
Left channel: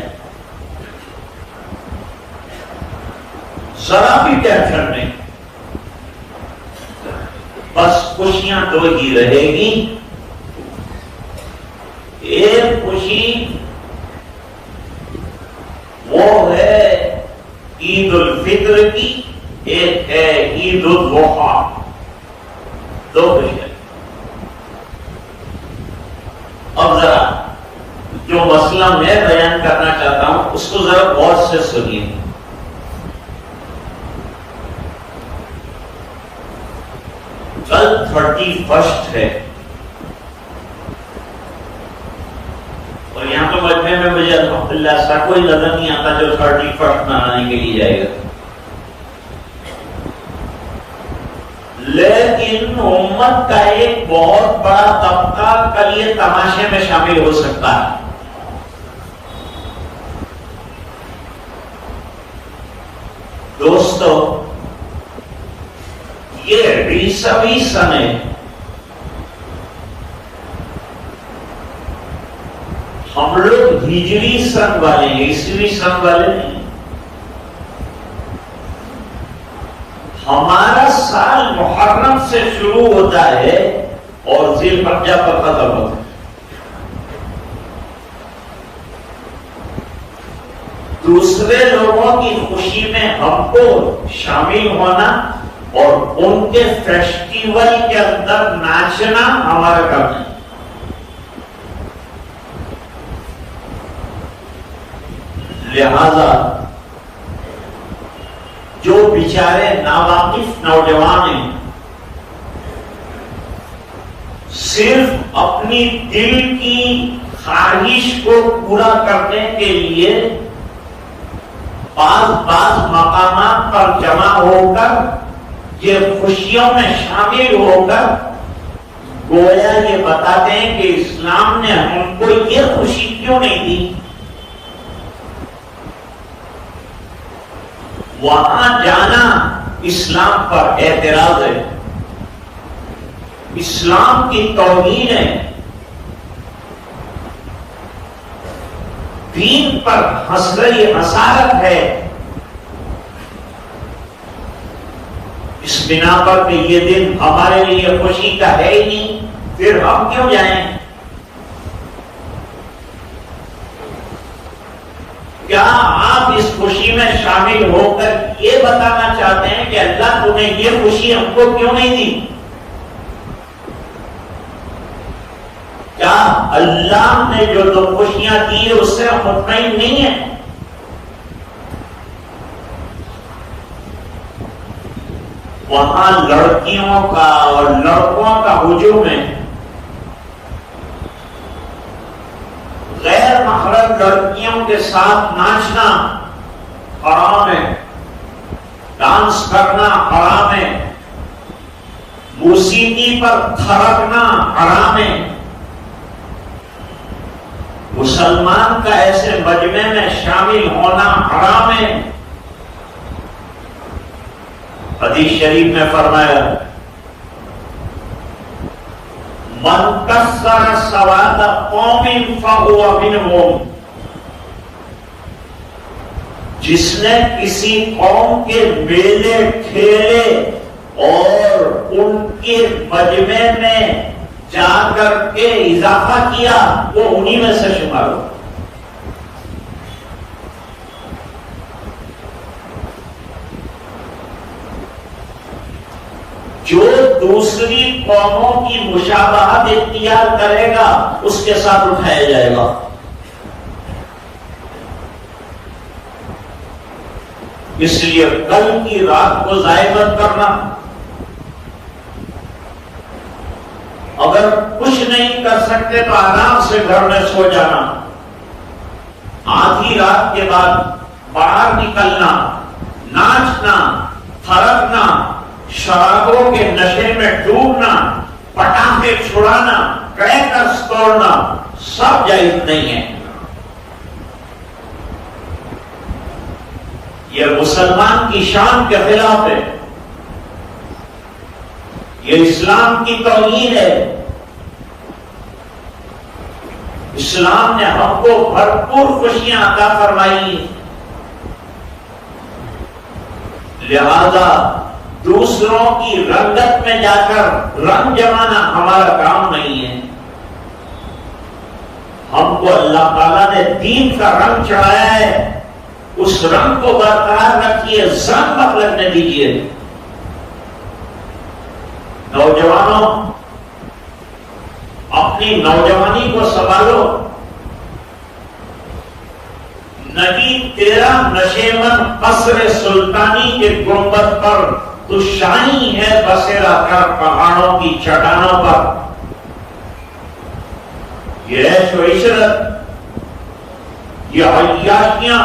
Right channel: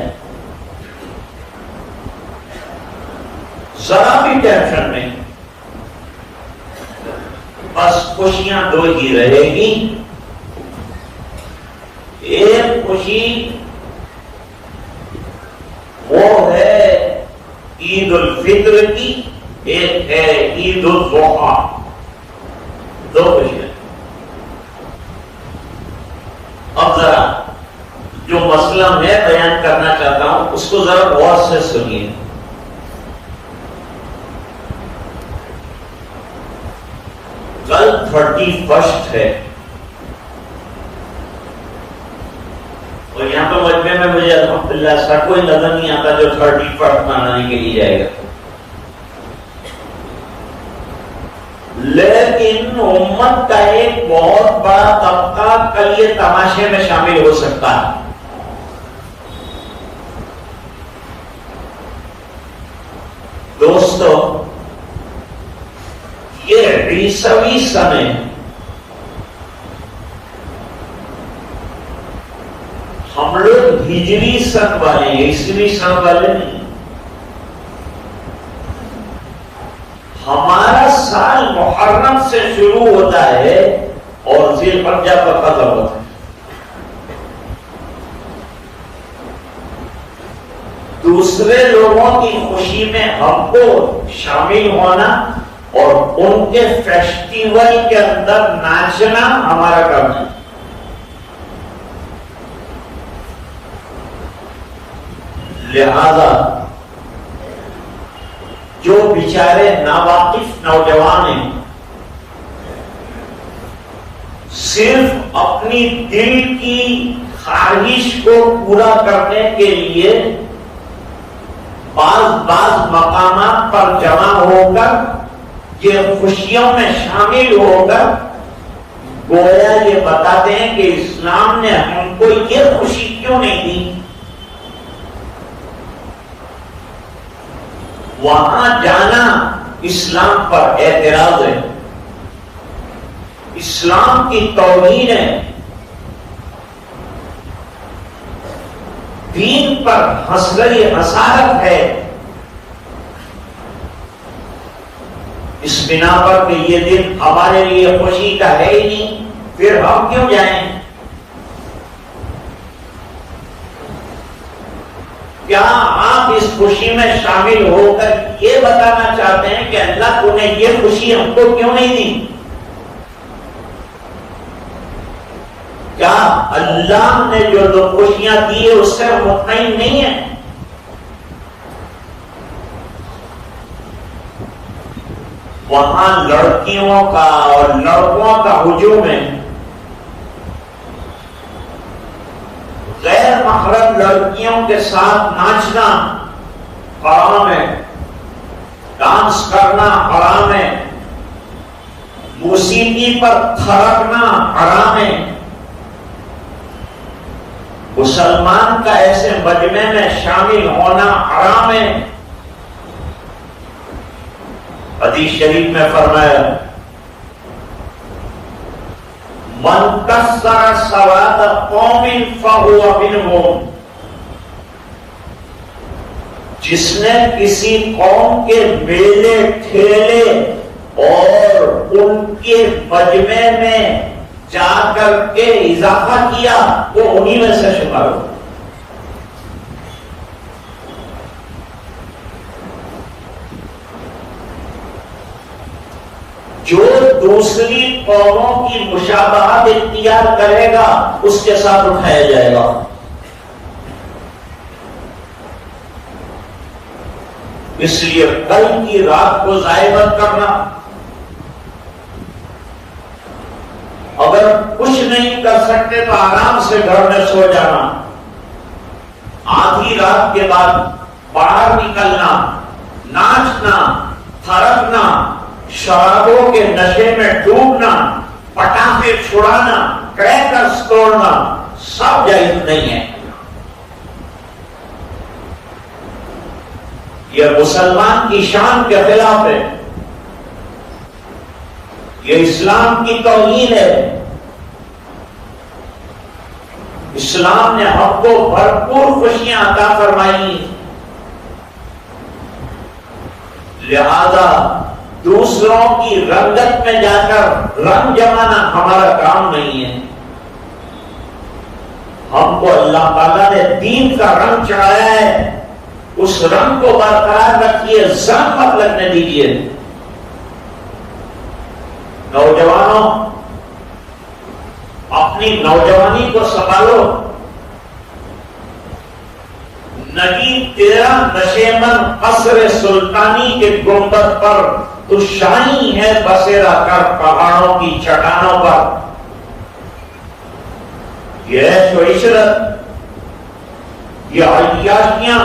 ذرا بھی ٹینشن نہیں، بس خوشیاں 2 ہی رہے گی۔ ایک خوشی وہ ہے عید الفطر کی، ایک ہے عید الاضحیٰ، 2 خوشیاں۔ اب ذرا جو مسئلہ میں بیان کرنا چاہتا ہوں اس کو ذرا غور سے سنیے۔ کل 31 ہے، اور یہاں تو مجمع میں مجھے الحمدللہ ایسا کوئی نظر نہیں آتا جو 31 منانے کے لیے جائے گا، لیکن امت کا ایک بہت بڑا طبقہ کل یہ تماشے میں شامل ہو سکتا ہے۔ دوستو، یہ 20ویں سن ہے، ہم لوگ ہجری سن والے ہیں، عیسوی سن والے نہیں۔ ہمارا سال محرم سے شروع ہوتا ہے اور ذی الحجہ پر ختم ہوتا ہے۔ دوسرے لوگوں کی خوشی میں ہم کو شامل ہونا اور ان کے فیسٹیول کے اندر ناچنا ہمارا کام ہے۔ لہذا جو بیچارے ناواقف نوجوان ہیں، صرف اپنی دل کی خواہش کو پورا کرنے کے لیے بعض مقامات پر جمع ہو کر یہ خوشیوں میں شامل ہو کر گویا یہ بتا دیں کہ اسلام نے ہم کو یہ خوشی کیوں نہیں دی۔ وہاں جانا اسلام پر اعتراض ہے، اسلام کی توہین ہے، دین پر حسارت ہے، اس بنا پر کہ یہ دن ہمارے لیے خوشی کا ہے ہی نہیں، پھر ہم کیوں جائیں؟ کیا آپ اس خوشی میں شامل ہو کر یہ بتانا چاہتے ہیں کہ اللہ تو نے یہ خوشی ہم کو کیوں نہیں دی؟ کیا اللہ نے جو خوشیاں دی ہے اس سے ہم مطمئن نہیں ہیں؟ وہاں لڑکیوں کا اور لڑکوں کا ہجوم ہے، غیر محرم لڑکیوں کے ساتھ ناچنا حرام ہے، ڈانس کرنا حرام ہے، موسیقی پر تھرکنا حرام ہے، مسلمان کا ایسے مجمع میں شامل ہونا حرام ہے۔ حدیث شریف میں فرمایا من کسر سواد قوم فهو منهم، جس نے کسی قوم کے میلے ٹھیلے اور ان کے مجمع میں جا کر کے اضافہ کیا وہ انہی میں سے شمار ہو۔ جو دوسری قوموں کی مشابہت اختیار کرے گا اس کے ساتھ اٹھایا جائے گا۔ اس لیے کل کی رات کو ضائع مت کرنا، اگر کچھ نہیں کر سکتے تو آرام سے گھر میں سو جانا، آدھی رات کے بعد باہر نکلنا، ناچنا، تھرکنا، شرابوں کے نشے میں ڈوبنا، پٹاخے چھڑانا، کریکرز توڑنا سب جائز نہیں ہے۔ یہ مسلمان کی شان کے خلاف ہے، یہ اسلام کی توہین ہے۔ اسلام نے ہم کو بھرپور خوشیاں عطا فرمائی، لہذا دوسروں کی رنگت میں جا کر رنگ جمانا ہمارا کام نہیں ہے۔ ہم کو اللہ تعالیٰ نے دین کا رنگ چڑھایا ہے، اس رنگ کو برقرار رکھیے، زنگ مت لگنے دیجیے۔ نوجوانوں، اپنی نوجوانی کو سنبھالو، نہیں تیرا نشیمن قصر سلطانی کے گنبد پر تو شاہی ہے بسیرا کر پہاڑوں کی چٹانوں پر۔ یہ عیش و عشرت، یہ عیاشیاں،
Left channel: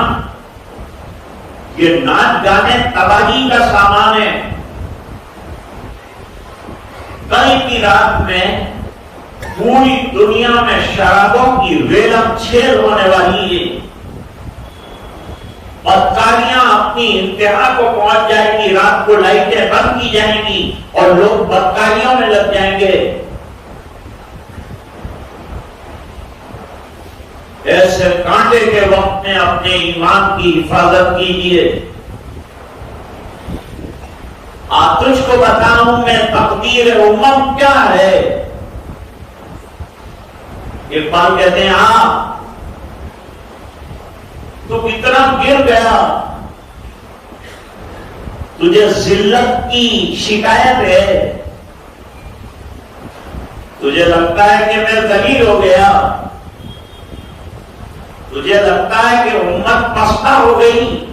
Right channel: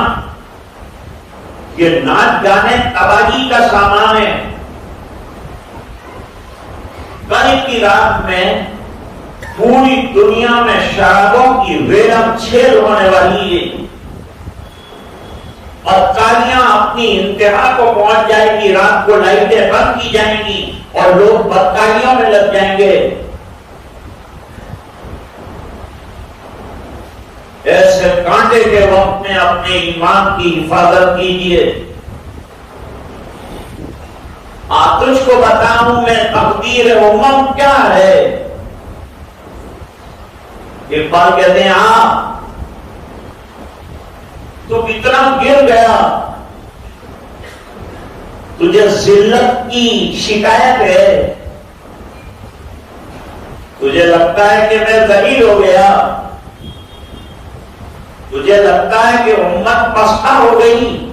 یہ ناچ گانے تباہی کا سامان ہے۔ کل کی رات میں پوری دنیا میں شرابوں کی ریلم چھیل ہونے والی ہے، بدکاریاں اپنی انتہا کو پہنچ جائے گی، رات کو لائٹیں بند کی جائیں گی اور لوگ بدکاریوں میں لگ جائیں گے۔ ایسے کانٹے کے وقت میں اپنے ایمان کی حفاظت کیجیے۔ آپ تجھ کو بتاؤں میں تقدیر امم کیا ہے۔ اقبال کہتے ہیں ہاں تو کتنا گر گیا، تجھے ذلت کی شکایت ہے، تجھے لگتا ہے کہ میں ذلیل ہو گیا، تجھے لگتا ہے کہ امت پستہ ہو گئی،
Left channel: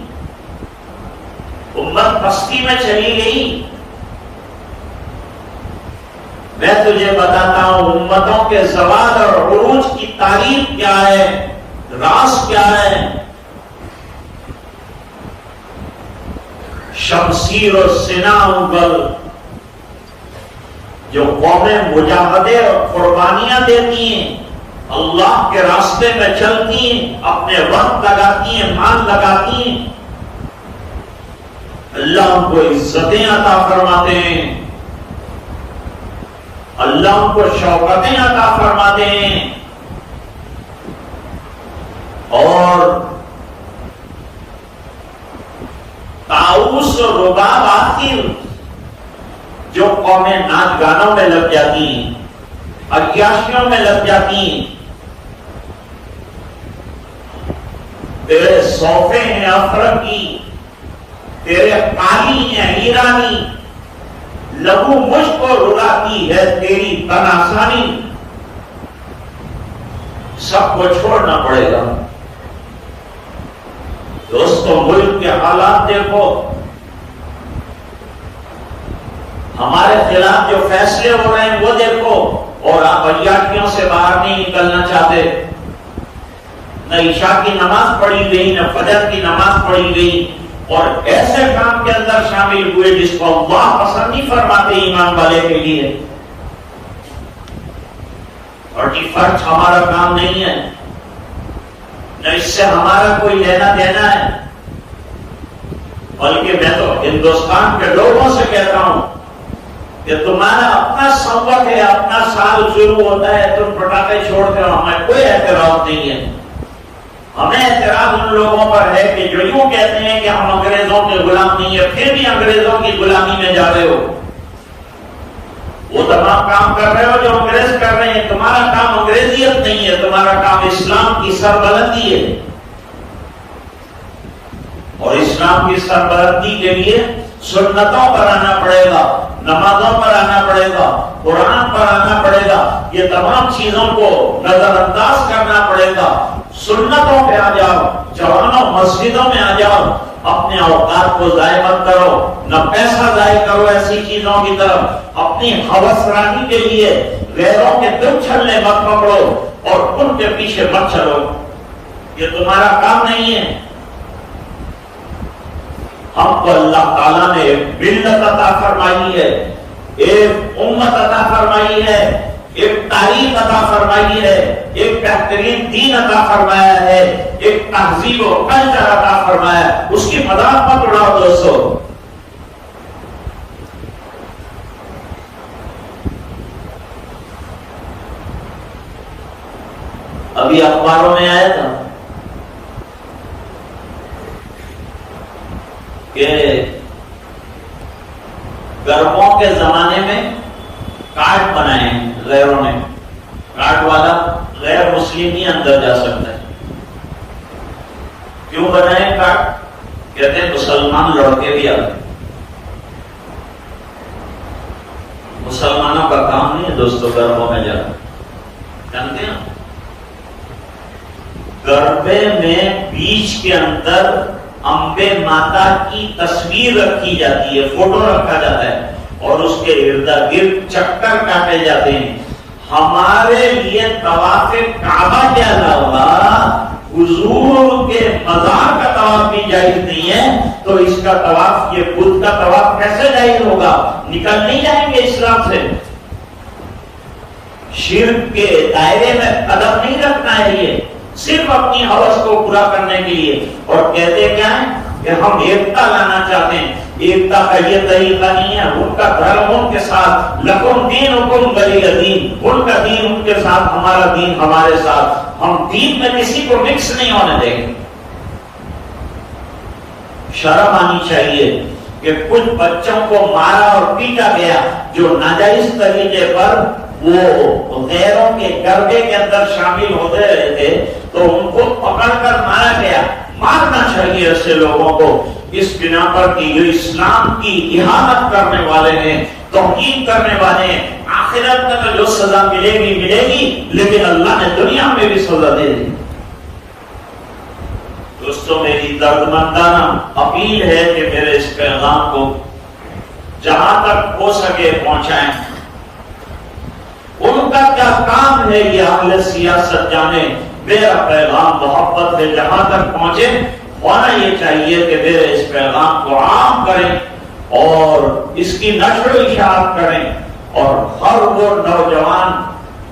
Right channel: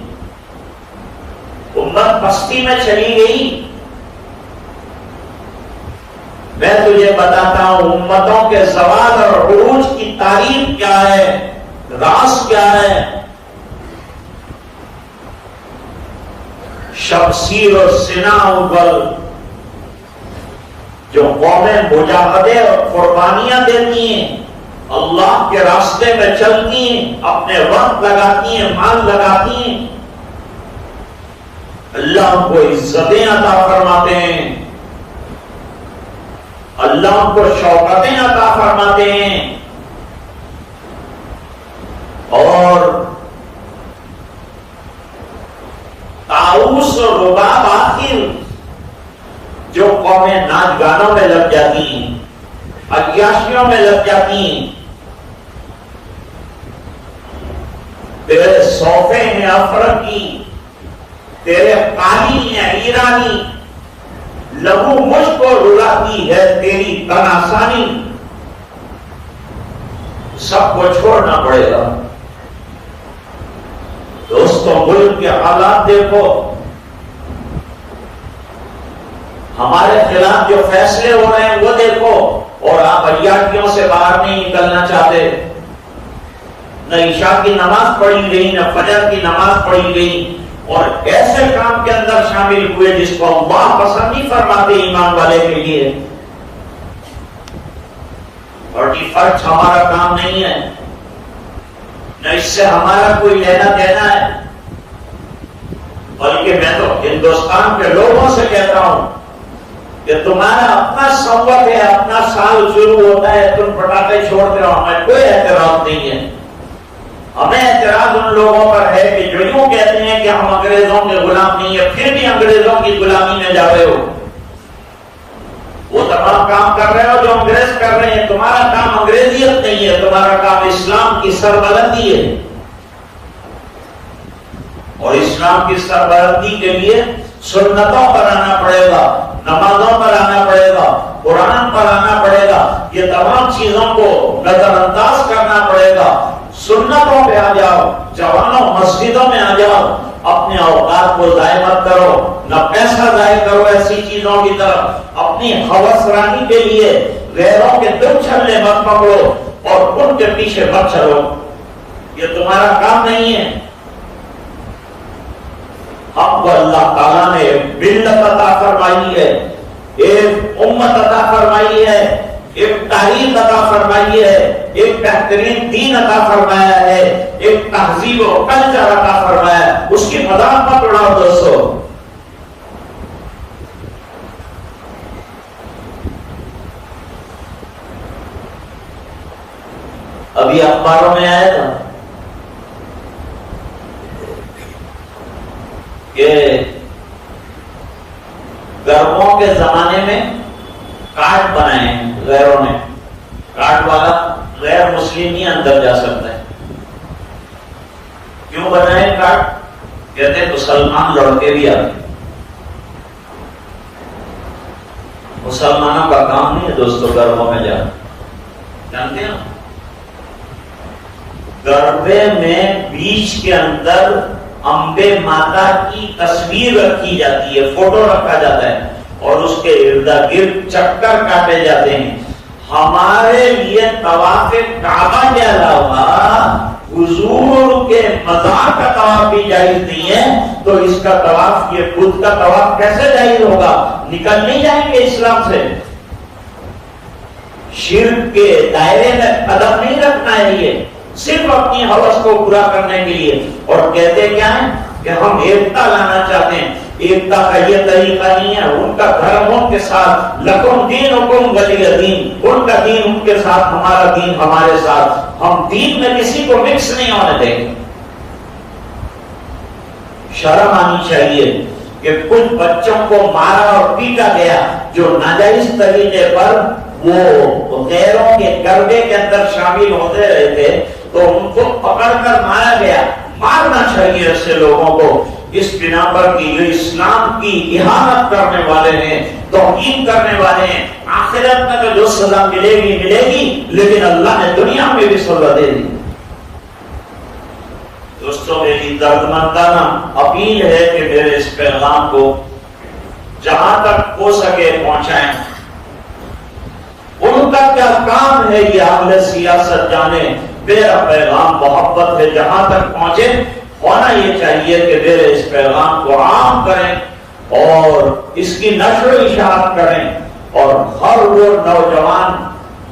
امت پستی میں چلی گئی۔ میں تجھے بتاتا ہوں امتوں کے زوال اور عروج کی تاریخ کیا ہے، راز کیا ہے۔ شمشیر اور سنا انگل جو قومیں مجاہدے اور قربانیاں دیتی ہیں، اللہ کے راستے میں چلتی ہیں، اپنے وقت لگاتی ہیں، مال لگاتی ہیں، اللہ ان کو عزتیں عطا فرماتے ہیں، اللہ ان کو شوکتیں عطا فرماتے ہیں، اور طاؤس اور رباب آخر جو قومیں ناچ گانوں میں لگ جاتی ہیں، عیاشیوں میں لگ جاتی ہیں، تیرے صوفے ہیں افرق کی، تیرے قالی ہیں ایرانی، لہو مجھ کو رلاتی ہے تیری تن آسانی، سب کو چھوڑنا پڑے گا۔ دوستوں ملک کے حالات دیکھو، ہمارے خلاف جو فیصلے ہو رہے ہیں وہ دیکھو، اور آپ عیاشیوں سے باہر نہیں نکلنا چاہتے، نہ عشاء کی نماز پڑھی گئی، نہ فجر کی نماز پڑھی گئی، اور ایسے کام کے اندر شامل ہوئے جس کو اللہ پسند نہیں فرماتے ایمان والے کے لیے۔ 41 ہمارا کام نہیں ہے، نہ اس سے ہمارا کوئی لینا دینا ہے، بلکہ میں تو ہندوستان کے لوگوں سے کہتا ہوں کہ تمہارا اپنا سمت ہے، اپنا سال شروع ہوتا ہے، تم پٹاخے چھوڑتے ہو، ہمیں کوئی اعتراض نہیں ہے۔ ہمیں اعتراض ان لوگوں پر ہے کہ جو یوں کہتے ہیں کہ ہم انگریزوں کے غلام نہیں ہیں، پھر بھی انگریزوں کی غلامی میں جا رہے ہو۔ وہ تمام کام کر رہے ہو جو انگریز کر رہے ہیں، تمہارا کام انگریزیت نہیں ہے، تمہارا کام اسلام کی سربلندی ہے، اور اسلام کی سربلندی کے لیے سنتوں پر آنا پڑے گا، نمازوں پر آنا پڑے گا، قرآن پر آنا پڑے گا، یہ تمام چیزوں کو نظر انداز کرنا پڑے گا۔ سنتوں پہ آ جاؤ، جوانوں مسجدوں میں آ جاؤ، اپنے اوقات کو ضائع مت کرو، نہ پیسہ ضائع کرو ایسی چیزوں کی طرف، اپنی ہوس رانی کے لیے غیروں کے دل چھلنے مت پکڑو اور ان کے پیچھے مت چلو، یہ تمہارا کام نہیں ہے۔ ہم کو اللہ تعالیٰ نے ایک ملت عطا فرمائی ہے، ایک امت عطا فرمائی ہے، ایک تاریخ عطا فرمائی ہے، ایک بہترین دین عطا فرمایا ہے، ایک تہذیب و کلچر عطا فرمایا ہے، اس کی مذاق مت اڑاؤ دوستو۔ ابھی اخباروں میں آیا تھا کہ گرموں کے زمانے میں کارڈ بنائے ہیں غیروں نے، کارڈ والا غیر مسلم ہی اندر جا سکتا ہے۔ کیوں بنائے کارڈ؟ کہتے ہیں مسلمان لڑکے بھی آتے، مسلمانوں کا کام نہیں ہے دوستوں گرموں میں جانا، جانتے ہیں گربے میں بیچ کے اندر امبے ماتا کی تصویر رکھی جاتی ہے، فوٹو رکھا جاتا ہے، اور اس کے ارد گرد چکر کاٹے جاتے ہیں۔ ہمارے لیے طواف کعبہ کے علاوہ حضور کے مزار کا طواف بھی جائز نہیں ہے، تو اس کا طواف، یہ بدھ کا طواف کیسے جائز ہوگا؟ نکل نہیں جائیں گے اسلام سے۔ شرک کے دائرے میں قدم نہیں رکھنا ہے، یہ صرف اپنی ہوس کو پورا کرنے کے لیے، اور کہتے کیا ہے کہ ہم ایکتا لانا چاہتے ہیں۔ ایکتا کا یہ طریقہ نہیں ہے، ان کا دھرم ان کے ساتھ، لکم دینکم ولی دین، ان کا دین ان کے ساتھ، ہمارا دین ہمارے ساتھ، ہم دین میں کسی کو مکس نہیں ہونے دیں گے۔ شرم آنی چاہیے کہ کچھ بچوں کو مارا اور پیٹا گیا جو ناجائز طریقے پر وہ غیروں کے گربے کے اندر شامل ہوتے رہے تھے، تو ان کو پکڑ کر مارا گیا۔ مارنا چاہیے ایسے لوگوں کو، اس بنا پر کہ جو اسلام کی اہانت کرنے والے ہیں، توہین کرنے والے ہیں، آخرت میں تو جو سزا ملے گی، لیکن اللہ نے دنیا میں بھی سزا دے دی۔ دوستوں میری دردمندانہ اپیل ہے کہ میرے اس پیغام کو جہاں تک ہو سکے پہنچائیں۔ ان کا کیا کام ہے کہ اہل سیاست جانے، میرا پیغام محبت ہے جہاں تک پہنچے، ہونا یہ چاہیے کہ میرے اس پیغام کو عام کریں اور اس کی نشر و اشاعت کریں، اور ہر وہ نوجوان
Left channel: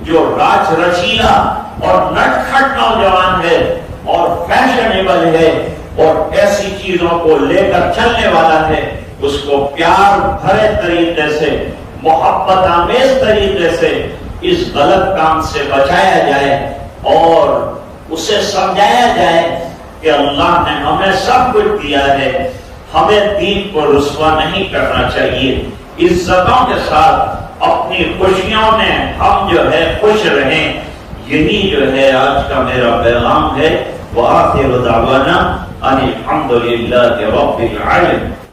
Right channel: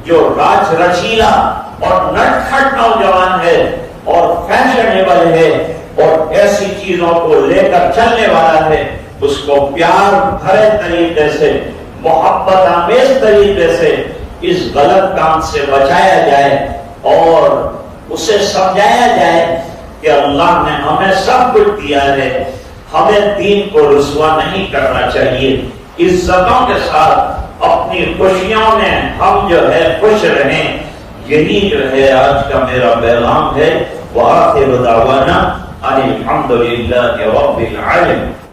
جو راج رچیلا اور نٹ کھٹ نوجوان ہے اور فیشنیبل ہے، اور ایسی چیزوں کو لے کر چلنے والا ہے، اس کو پیار بھرے طریقے سے، محبت آمیز طریقے سے اس غلط کام سے بچایا جائے اور اسے سمجھایا جائے کہ اللہ نے ہمیں سب کچھ دیا ہے، ہمیں دین کو رسوا نہیں کرنا چاہیے، عزتوں کے ساتھ اپنی خوشیوں میں ہم جو ہے خوش رہیں۔ یہی جو ہے آج کا میرا پیغام ہے۔ وآخر دعوانا ان الحمد للہ رب العالمین۔